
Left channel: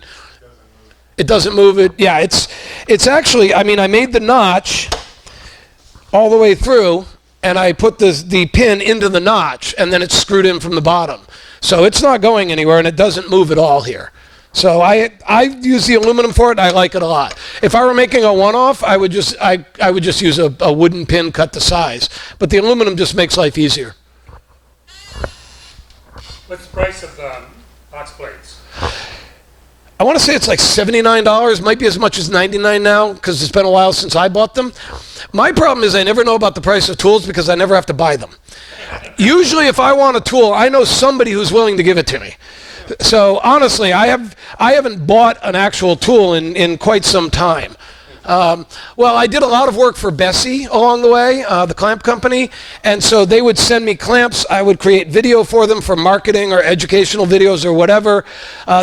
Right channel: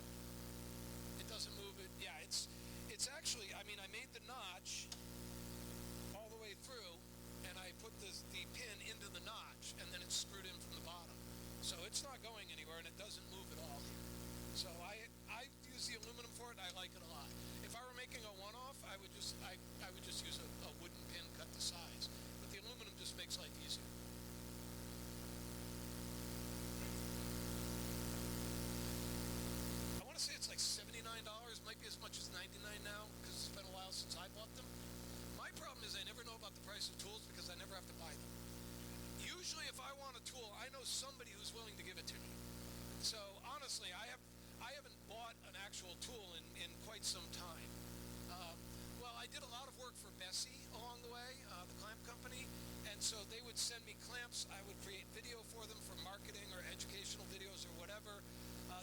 it doesn't move it. Yeah, it's actually, I mean, I made the notch all the way through, and I put the pin into the notch, and then it's screwed in from the bottom. So it's not going anywhere, and it doesn't move at all here. So I use the aluminum for it, and I like it a lot. If I were making a one-off, I would just use a wooden pin cut to size. But the aluminum just makes life easier. What's the price of box blades? I want to say it's like $79, might be as much as $99 now, because it's been a while since I bought them. My problem is I never know about the price of tools because I never have to buy them. Usually if I want a tool, I know somebody who's willing to give it to me. So honestly, I haven't bought an actual tool in quite some time. Well, I did a lot of work for Bessie along the way, the clamp company, and so they would send me clamps. I would create video for them for marketing or educational videos or whatever.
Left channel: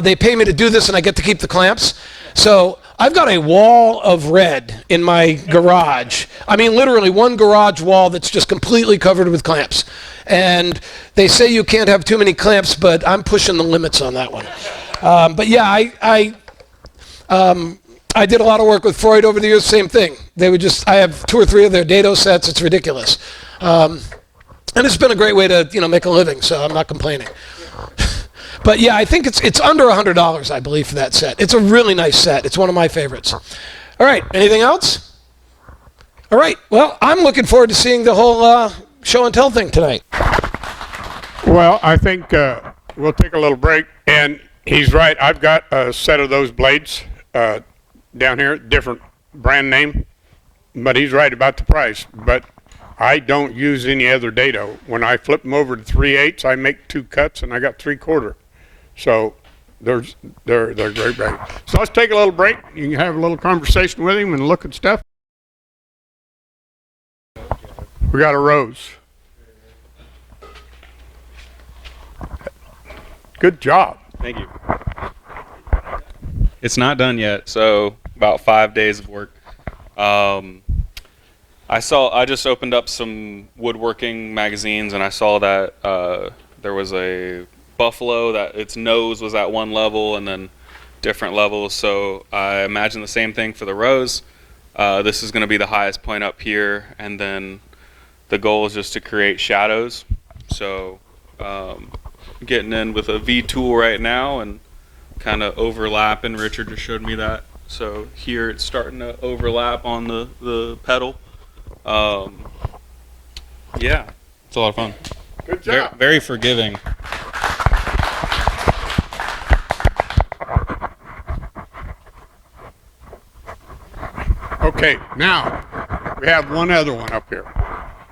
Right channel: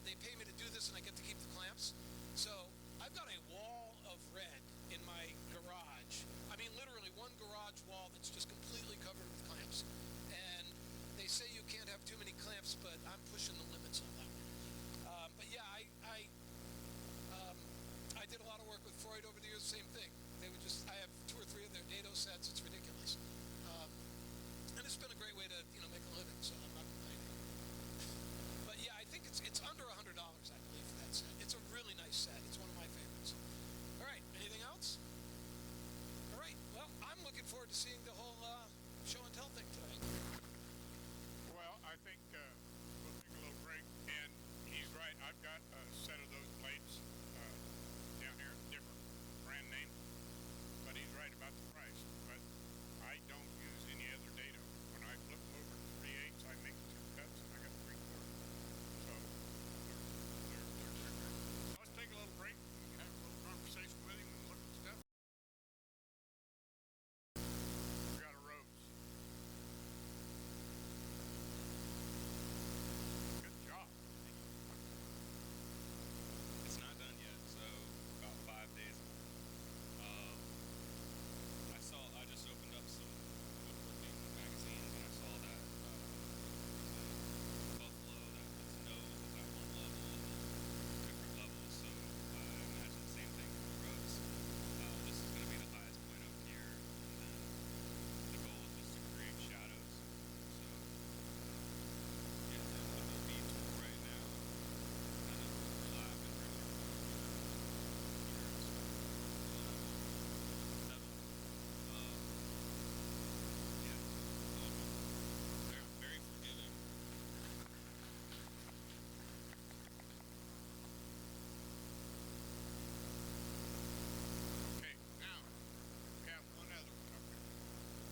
They pay me to do this, and I get to keep the clamps. So I've got a wall of red in my garage. I mean, literally one garage wall that's just completely covered with clamps. And they say you can't have too many clamps, but I'm pushing the limits on that one. But yeah, I did a lot of work with Freud over the years, same thing. They would I have 2 or 3 of their dado sets, it's ridiculous. And it's been a great way to, make a living, so I'm not complaining. But yeah, I think it's under $100, I believe, for that set. It's a really nice set. It's one of my favorites. All right, anything else? All right, well, I'm looking forward to seeing the whole show and tell thing tonight. Well, I think we'll take a little break. And he's right. I've got a set of those blades down here, different brand name. But he's right about the price. But I don't use any other dado. When I flip them over to 3/8, I make 2 cuts, and I got 3/4. So they're great. So let's take a little break. You can have a little conversation with him and look at stuff. We got a rose. Good job. Thank you. It's not done yet, so about 5 days of work. I just opened up some woodworking magazines, and I saw that there was a buffalo that its nose was at one level and then different levels. So I imagine the same thing for the rose. This is going to be the highest point up here, and then the goal is just to create shadows. So getting in with a V tool right now and kind of overlapping. Richard just showed me that. So here it's starting to overlap on the pedal. Yeah, it's a lot of fun. Good job. Very forgiving. Okay, now we have one other one up here.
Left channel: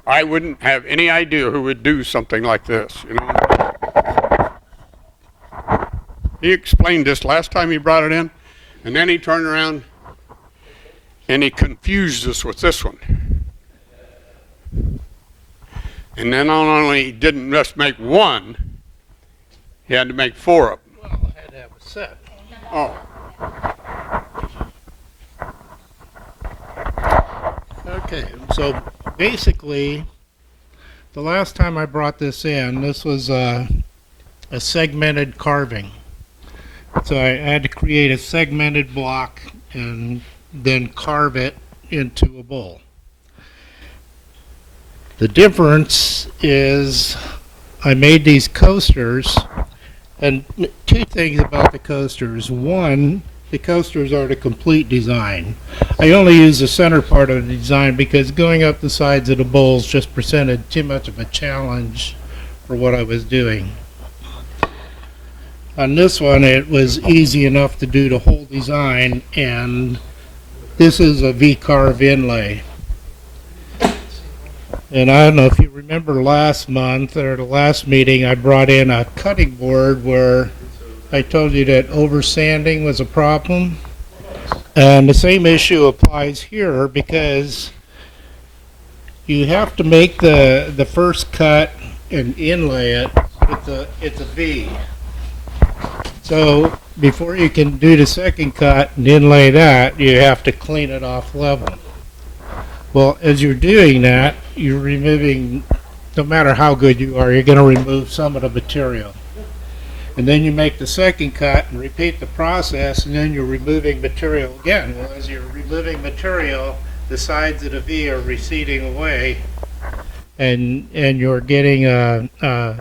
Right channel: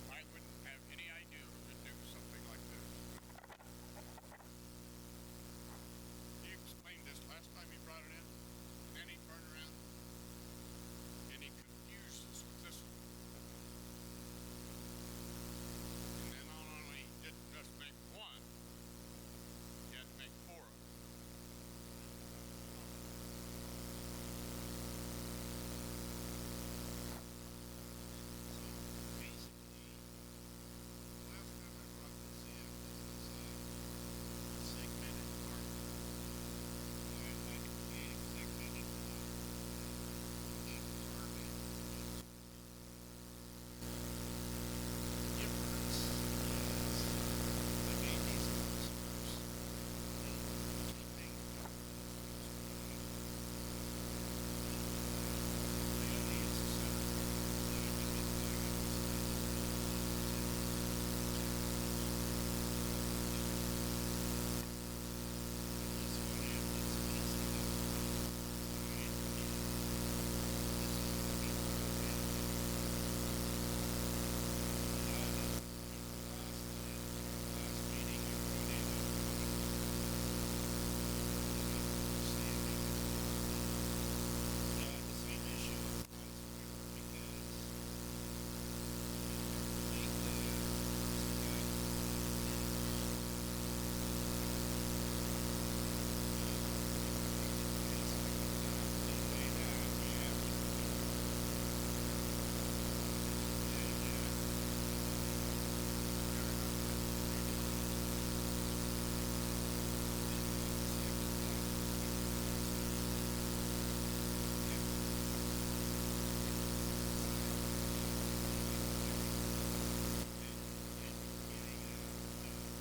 I wouldn't have any idea who would do something like this, He explained this last time he brought it in, and then he turned around and he confused us with this one. And then not only didn't just make one, he had to make 4 of them. Well, I had to have a set. Oh. Okay, so basically, the last time I brought this in, this was a segmented carving. So I had to create a segmented block and then carve it into a bowl. The difference is I made these coasters, and 2 things about the coasters. One, the coasters are the complete design. I only use the center part of the design because going up the sides of the bowls just presented too much of a challenge for what I was doing. On this one, it was easy enough to do the whole design, and this is a V-carve inlay. And I don't know if you remember last month or the last meeting, I brought in a cutting board where I told you that oversanding was a problem. And the same issue applies here because you have to make the first cut and inlay it. It's a V. So before you can do the second cut and inlay that, you have to clean it off level. Well, as you're doing that, you're removing, no matter how good you are, you're going to remove some of the material. And then you make the second cut and repeat the process, and then you're removing material again. Well, as you're removing material, the sides of the V are receding away, and you're getting the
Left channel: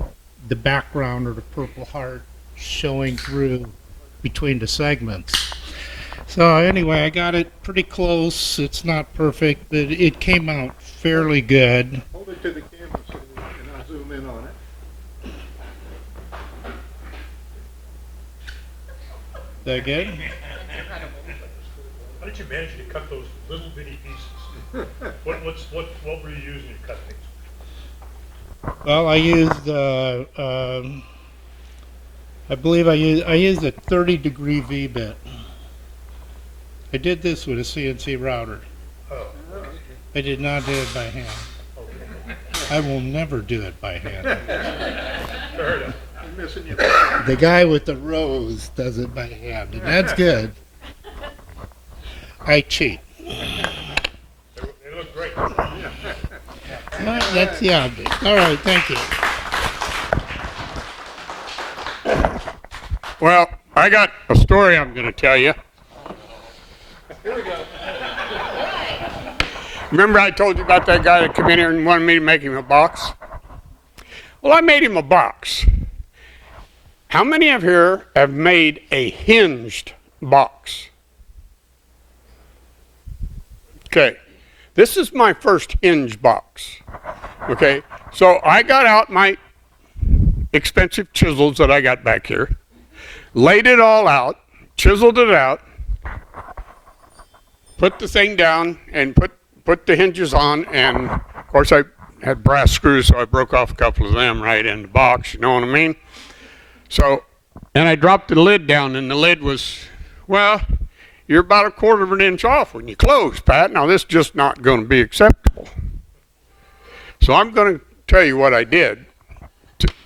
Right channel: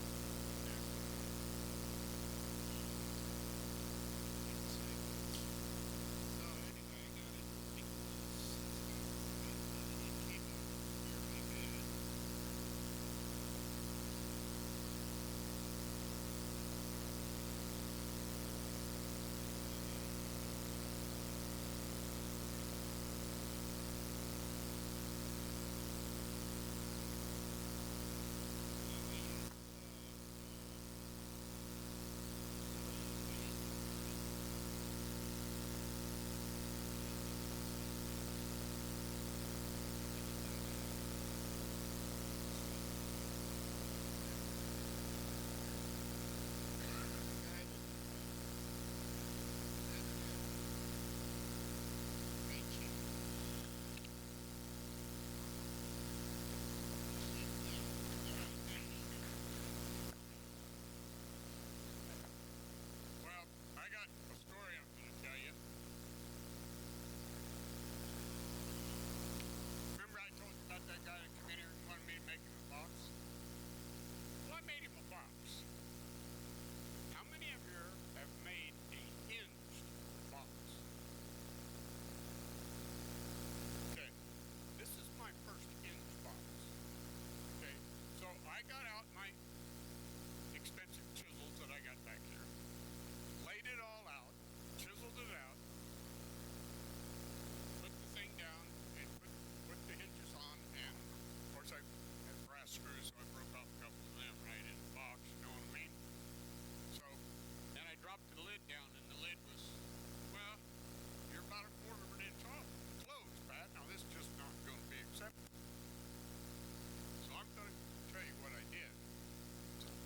background or the Purple Heart showing through between the segments. So anyway, I got it pretty close. It's not perfect, but it came out fairly good. Hold it to the camera so we can zoom in on it. Is that good? How did you manage to cut those little bitty pieces? What were you using to cut things? Well, I used I believe I used a 30-degree V-bit. I did this with a CNC router. Oh, I did not do it by hand. I will never do it by hand. fair enough. I'm missing you. The guy with the rose does it by hand, and that's good. I cheat. They look great. That's the object. All right, thank you. Well, I got a story I'm going to tell you. Remember I told you about that guy that came in here and wanted me to make him a box? Well, I made him a box. How many of here have made a hinged box? Okay, this is my first hinge box. Okay, so I got out my expensive chisels that I got back here, laid it all out, chiseled it out, put the thing down, and put the hinges on, and of course I had brass screws, so I broke off a couple of them right in the box, you know what I mean? So, and I dropped the lid down, and the lid was, well, you're about a quarter of an inch off when you close, Pat. Now this is just not going to be acceptable. So I'm going to tell you what I did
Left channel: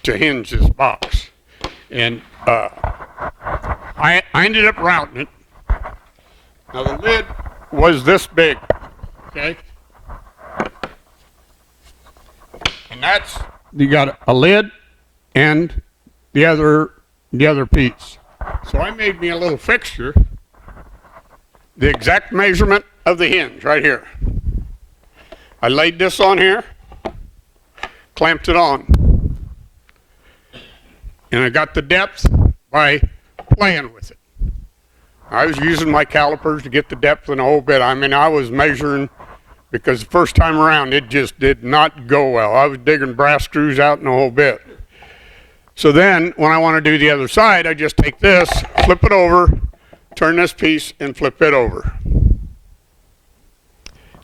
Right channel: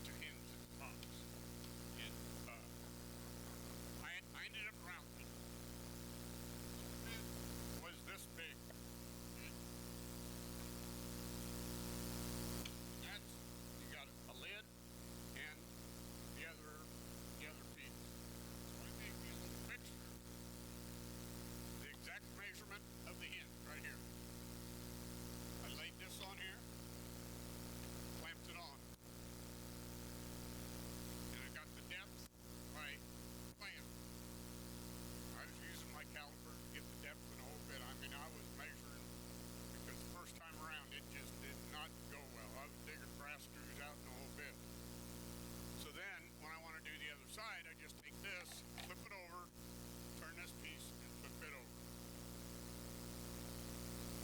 to hinge this box. And I ended up routing it. Now the lid was this big, okay? And that's, you got a lid and the other piece. So I made me a little fixture, the exact measurement of the hinge right here. I laid this on here, clamped it on, and I got the depth by playing with it. I was using my calipers to get the depth in the whole bit. I mean, I was measuring, because the first time around it just did not go well. I was digging brass screws out in the whole bit. So then, when I want to do the other side, I just take this, flip it over, turn this piece, and flip it over.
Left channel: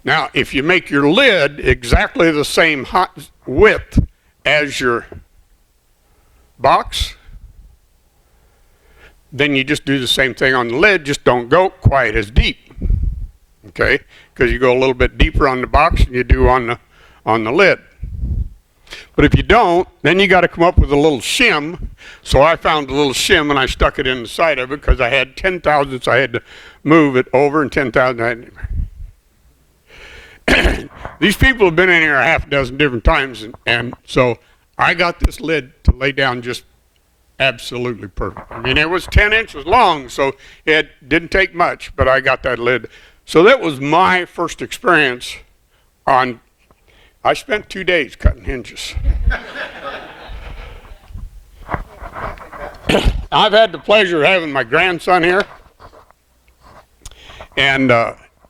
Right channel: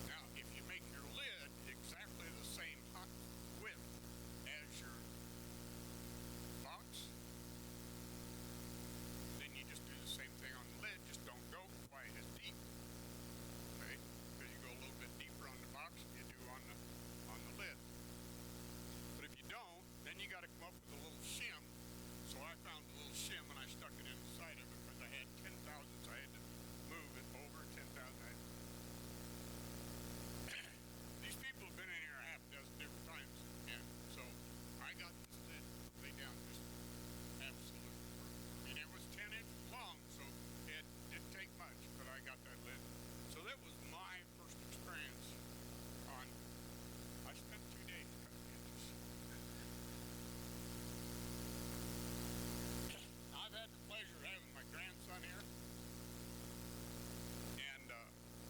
Now, if you make your lid exactly the same width as your box, then you just do the same thing on the lid, just don't go quite as deep, okay? Because you go a little bit deeper on the box than you do on the lid. But if you don't, then you got to come up with a little shim. So I found a little shim and I stuck it in the side of it because I had 10 thousandths I had to move it over, and 10 thousandths These people have been in here a half a dozen different times, and so I got this lid to lay down just absolutely perfect. I mean, it was 10 inches long, so it didn't take much, but I got that lid. So that was my first experience on, I spent 2 days cutting hinges. I've had the pleasure of having my grandson here, and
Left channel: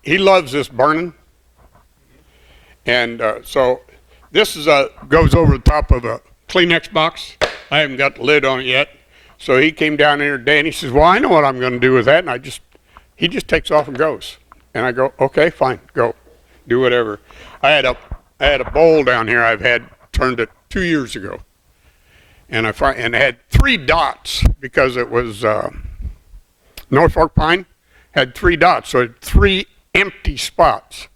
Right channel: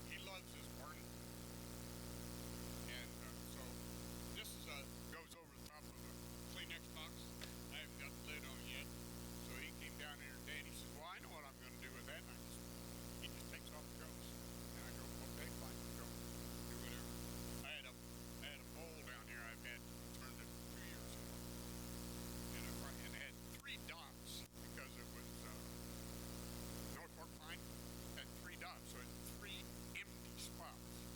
he loves this burning. And so this is goes over the top of a Kleenex box. I haven't got the lid on it yet. So he came down here today and he says, well, I know what I'm going to do with that. And he just takes off and goes. And I go, okay, fine, go. Do whatever. I had a bowl down here I've had turned it 2 years ago. And it had 3 dots because it was Norfolk pine. Had 3 dots, so it had 3 empty spots.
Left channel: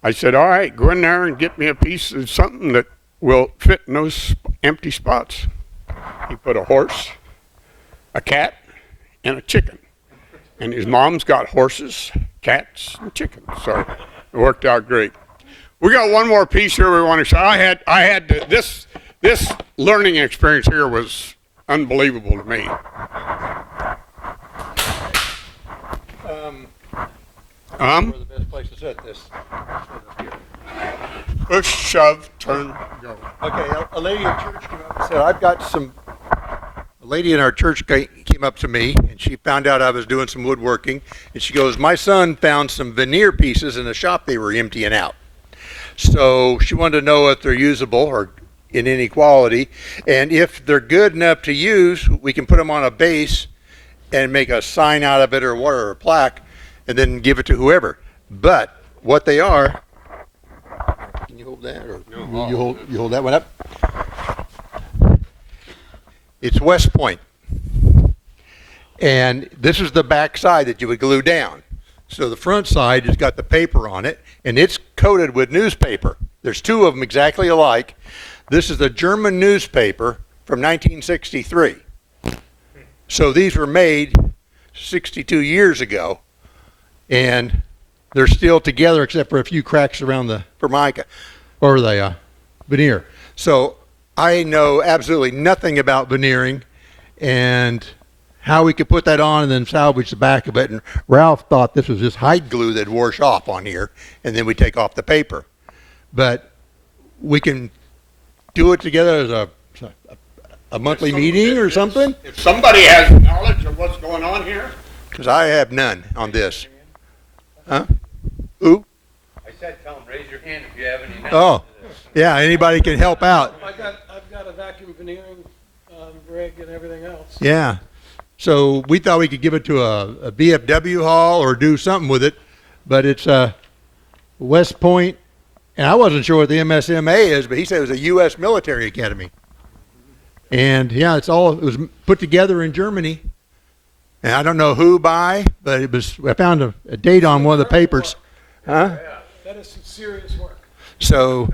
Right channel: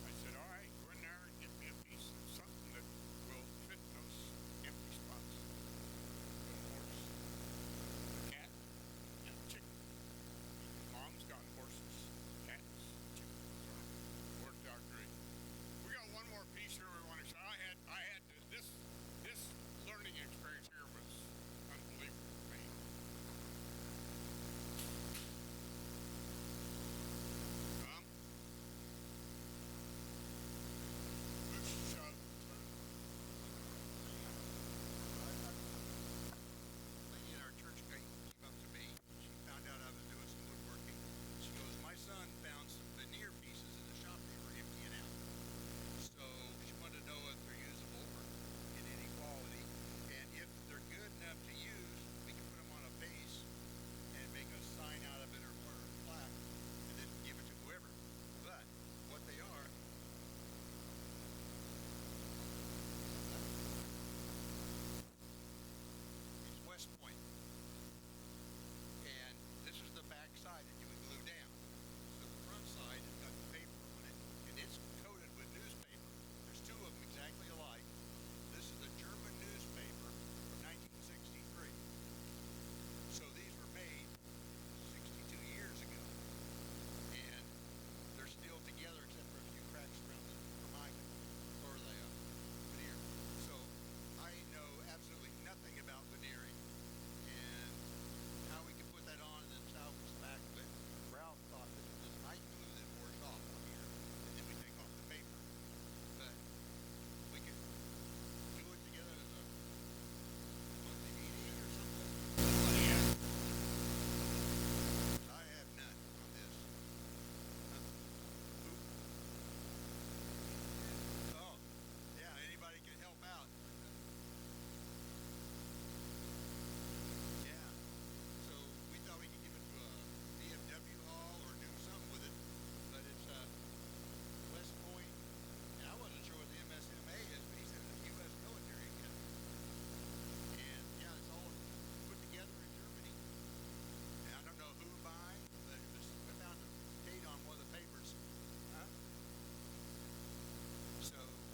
I said, all right, go in there and get me a piece of something that will fit in those empty spots. He put a horse, a cat, and a chicken. And his mom's got horses, cats, and chickens. So it worked out great. We got one more piece here we want to show. This learning experience here was unbelievable to me. Where the best place to set this? Push, shove, turn, go. Okay, a lady at church came up and said, I've got some, a lady in our church came up to me, and she found out I was doing some woodworking, and she goes, my son found some veneer pieces in a shop they were emptying out. So she wanted to know if they're usable or in any quality, and if they're good enough to use, we can put them on a base and make a sign out of it or what, or a plaque, and then give it to whoever. But what they are, can you hold that, or you hold that one up? It's West Point, and this is the back side that you would glue down. So the front side has got the paper on it, and it's coated with newspaper. There's two of them exactly alike. This is the German newspaper from 1963. So these were made 62 years ago, and they're still together except for a few cracks around the formica, or the veneer. So I know absolutely nothing about veneering and how we could put that on and then salvage the back of it. And Ralph thought this was just hide glue that'd wash off on here, and then we take off the paper. But we can do it together as a monthly meeting or something? If somebody has knowledge of what's going on here, Because I have none on this. Huh? Who? I said, tell them, raise your hand if you have any. Oh, yeah, anybody can help out. I've got a vacuum veneering rig and everything else. Yeah. So we thought we could give it to a BFW hall or do something with it, but it's West Point, and I wasn't sure what the MSMA is, but he said it was a U.S. military academy. And yeah, it was put together in Germany. And I don't know who by, but I found a date on one of the papers. Huh? That is some serious work. So,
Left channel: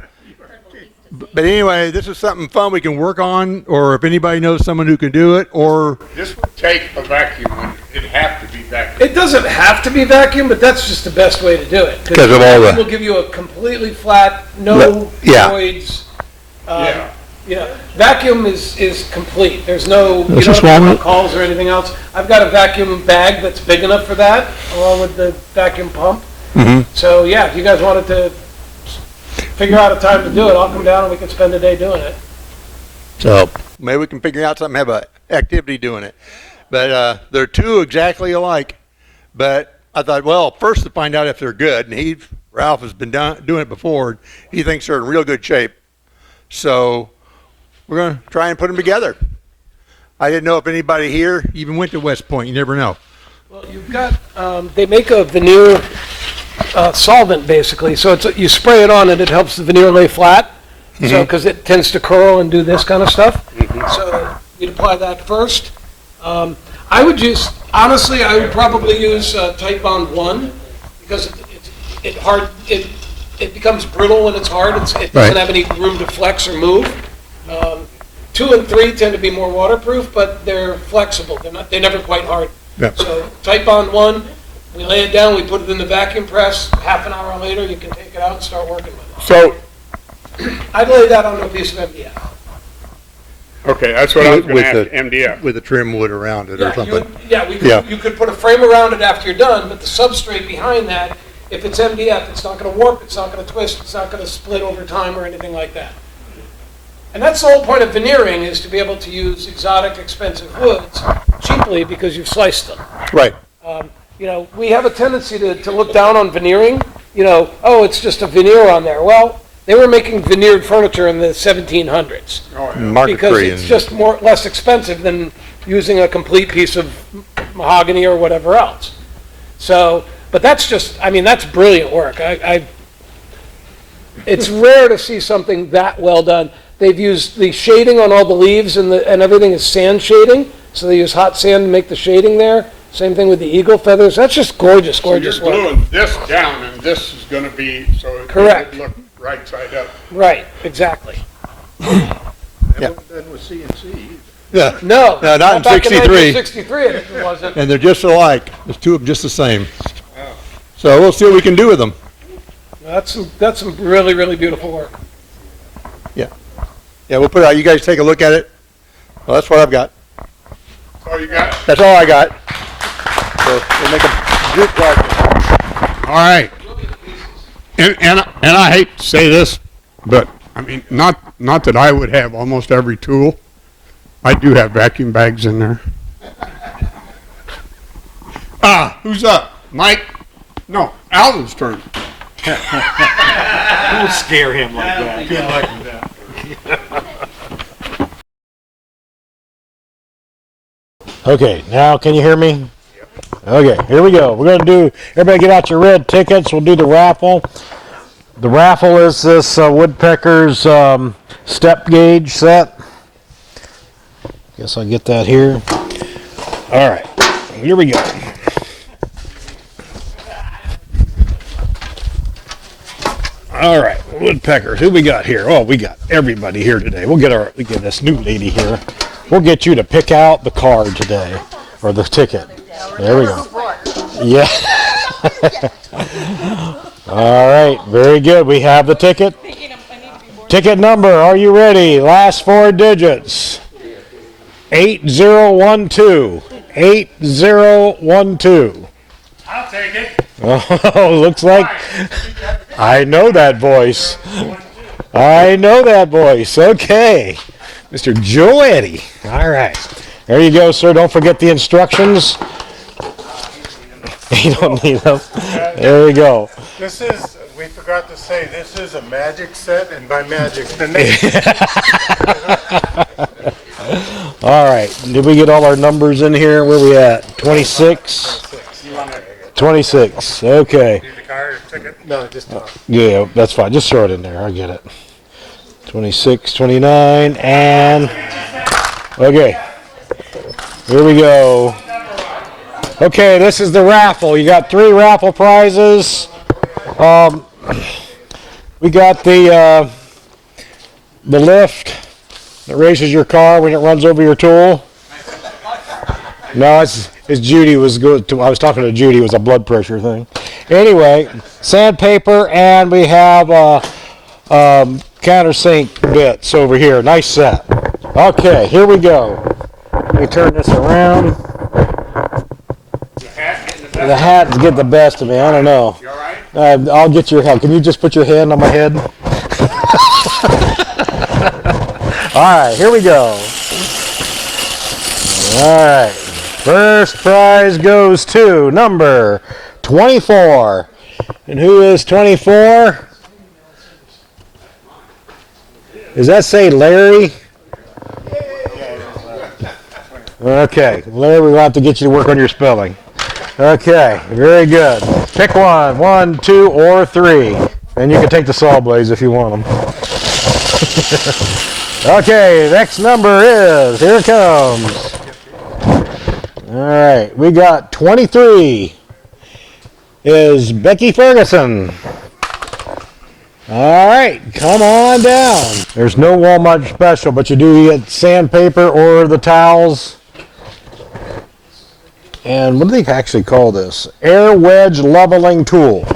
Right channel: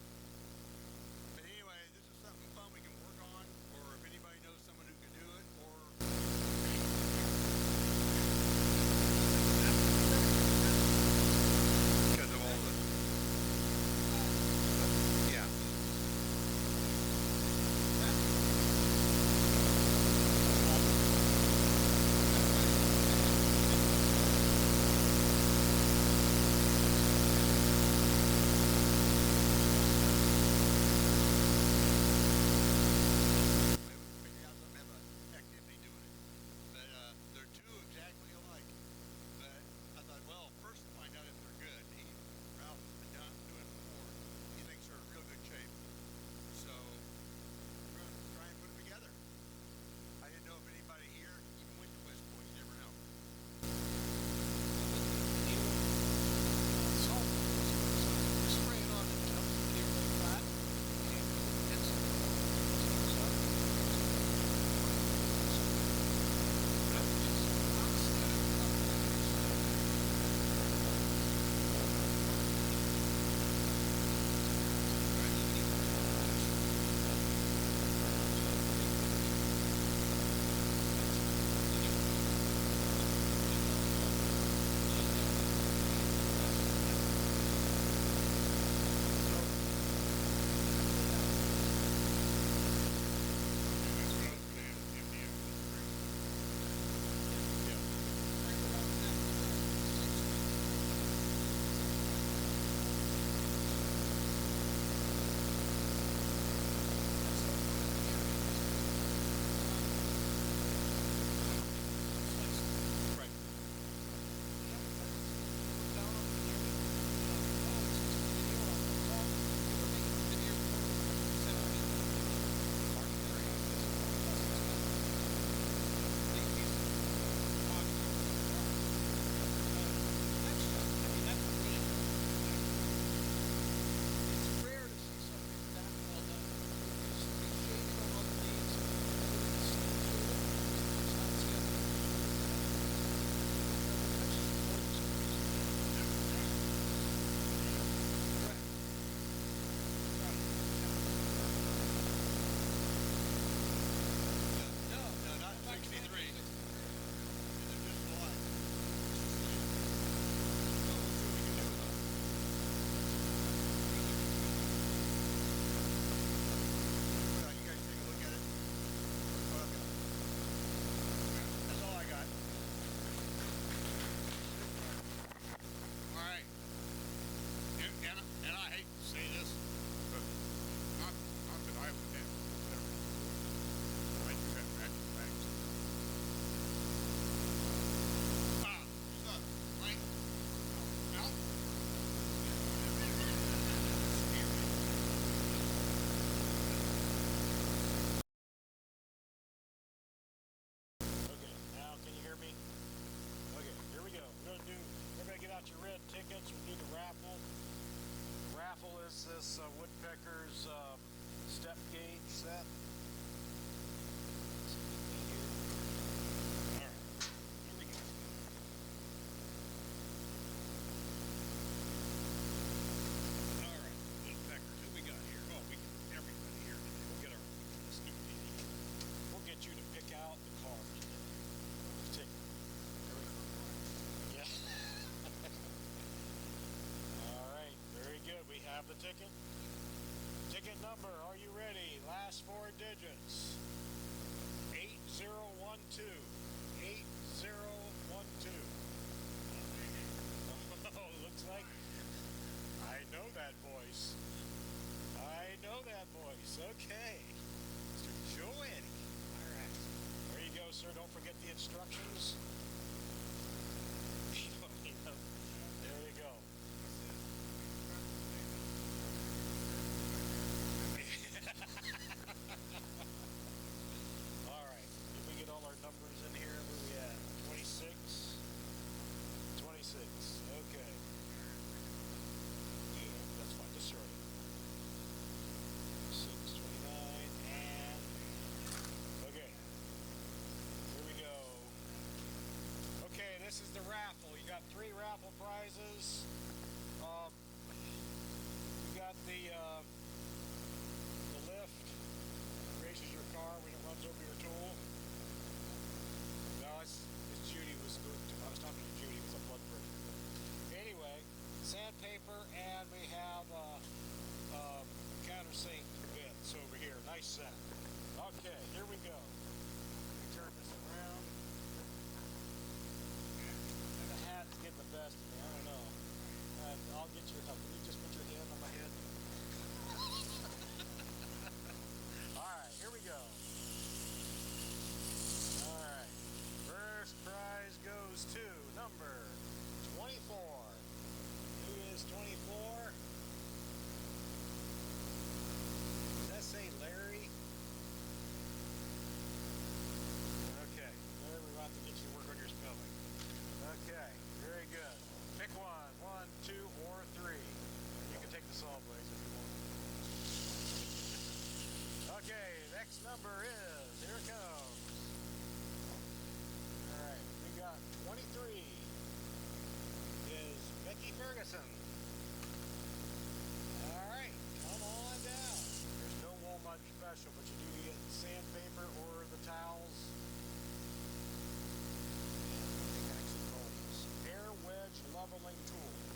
but anyway, this is something fun we can work on, or if anybody knows someone who can do it, or this would take a vacuum, and it'd have to be vacuum. It doesn't have to be vacuum, but that's just the best way to do it. 'Cause of all the- It will give you a completely flat, no Yeah. voids. Yeah. Yeah, vacuum is complete. There's no, you This don't is have to one? make calls or anything else. I've got a vacuum bag that's big enough for that, along with the vacuum pump. So yeah, if you guys wanted to figure out a time to do it, I'll come down and we can spend a day doing it. so maybe we can figure out something, have a activity doing it. But they're two exactly alike. But I thought, well, first to find out if they're good, and Ralph has been doing it before. He thinks they're in real good shape. So we're going to try and put them together. I didn't know if anybody here even went to West Point. You never know. Well, you've got, they make a veneer solvent basically, so you spray it on and it helps the veneer lay flat. So, because it tends to curl and do this kind of stuff. So you'd apply that first. I would honestly, I would probably use Tight Bond 1 because it becomes brittle when it's hard. It doesn't have any room to flex or move. 2 and 3 tend to be more waterproof, but they're flexible. They're never quite hard. Yeah. So Tight Bond 1, we lay it down, we put it in the vacuum press. Half an hour later, you can take it out and start working with it. So, I'd lay that on a piece of MDF. okay, that's what I was going With to ask the- MDF. With a trim wood around it or Yeah, something. you could put a frame around it after you're done, but the substrate behind that, if it's MDF, it's not going to warp, it's not going to twist, it's not going to split over time or anything like that. And that's the whole point of veneering, is to be able to use exotic, expensive woods cheaply because you've sliced them. Right. We have a tendency to look down on veneering. Oh, it's just a veneer on there. Well, they were making veneered furniture in the 1700s. Market Because tree. it's just less expensive than using a complete piece of mahogany or whatever else. So, but that's that's brilliant work. It's rare to see something that well done. They've used the shading on all the leaves and everything is sand shading. So they use hot sand to make the shading there. Same thing with the eagle feathers. That's just gorgeous, gorgeous So you're work. gluing this down, and this is going to be, so it Correct. would look right side up. Right, exactly. Yeah. Then with CNC, Yeah. No. No, not in back 63. 63 it wasn't. And they're just alike. There's two of them just the same. So we'll see what we can do with them. That's some really, really beautiful work. Yeah, we'll put it out. You guys take a look at it. Well, that's what I've got. Oh, you got? That's all I got. So we'll make a group project. All right. And I hate to say this, but I mean, not that I would have almost every tool. I do have vacuum bags in there. Who's up? Mike? No, Alvin's turn. Don't scare him like that. Good luck with that. Okay, now can you hear me? Okay, here we go. We're going to do, everybody get out your red tickets. We'll do the raffle. The raffle is this Woodpecker's step gauge set. Guess I'll get that here. All right, here we go. All right, Woodpeckers, who we got here? Oh, we got everybody here today. We get this new lady here. We'll get you to pick out the card today, or the ticket. There we go. Yeah. All right, very good. We have the ticket. Ticket number, are you ready? Last four digits. 8012. 8012. I'll take it. Oh, looks like I know that voice. I know that voice. Okay. Mr. Joe Eddy. All right. There you go, sir. Don't forget the instructions. You don't need them. There you go. This is, we forgot to say, this is a magic set, and by magic, the name. All right. Did we get all our numbers in here? Where we at? 26? 26. Okay. Need the card or ticket? No, just, Yeah, that's fine. Just throw it in there. I get it. 26, 29, and... Okay. Here we go. Okay, this is the raffle. You got 3 raffle prizes. We got the lift that raises your car when it runs over your tool. No, it's Judy was good. I was talking to Judy. It was a blood pressure thing. Anyway, sandpaper, and we have countersink bits over here. Nice set. Okay, here we go. Let me turn this around. The hat get the best of me. I don't know. You all right? I'll get your head. Can you just put your hand on my head? All right, here we go. All right. First prize goes to number 24. And who is 24? Does that say Larry? Okay, Larry, we'll have to get you to work on your spelling. Okay, very good. Pick one, 1, 2, or 3. And you can take the saw blades if you want them. Okay, next number is, here it comes. All right, we got 23 is Becky Ferguson. All right, come on down. There's no Walmart special, but you do get sandpaper or the towels. And what do they actually call this? Air wedge leveling tool.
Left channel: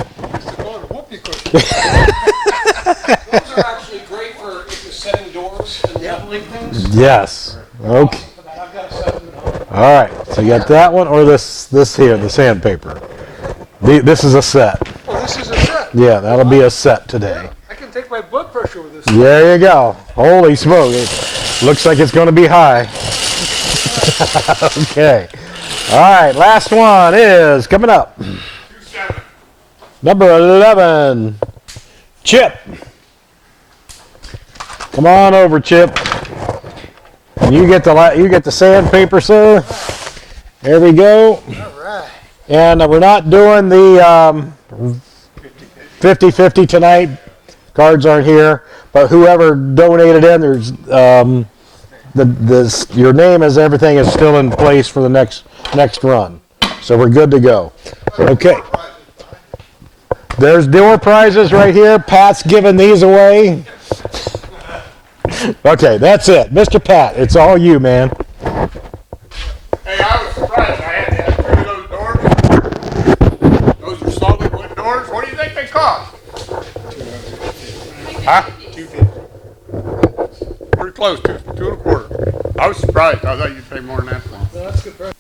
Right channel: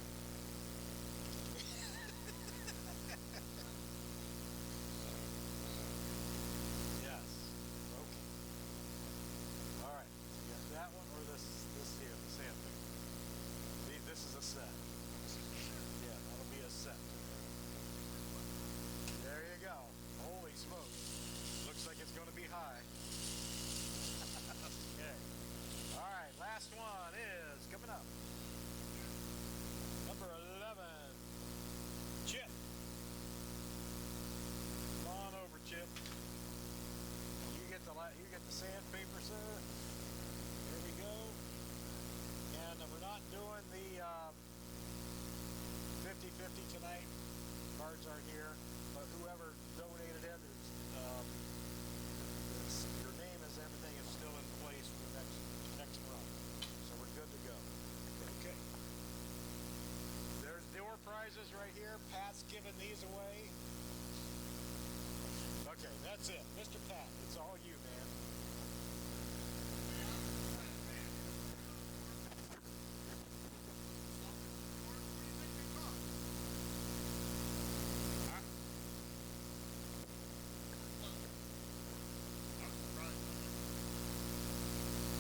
Those are actually great for if you're setting doors and leveling things. Yes. Okay. I've got a set of them at home. All right. So you got that one or this here, the sandpaper. This is a set. Oh, this is a set. Yeah, that'll be a set today. I can take my blood pressure with this. There you go. Holy smoke. It looks like it's going to be high. Okay. All right. Last one is coming up. Number 11. Chip. Come on over, Chip. And you get the sandpaper, sir. There we go. All right. And we're not doing the 50-50 tonight. Cards aren't here, but whoever donated in, there's your name as everything is still in place for the next run. So we're good to go. Okay. There's door prizes right here. Pat's giving these away. Okay, that's it. Mr. Pat, it's all you, man. Huh? 250. Pretty close to 2 1/4. I was surprised. I thought you'd pay more than that. No, that's good.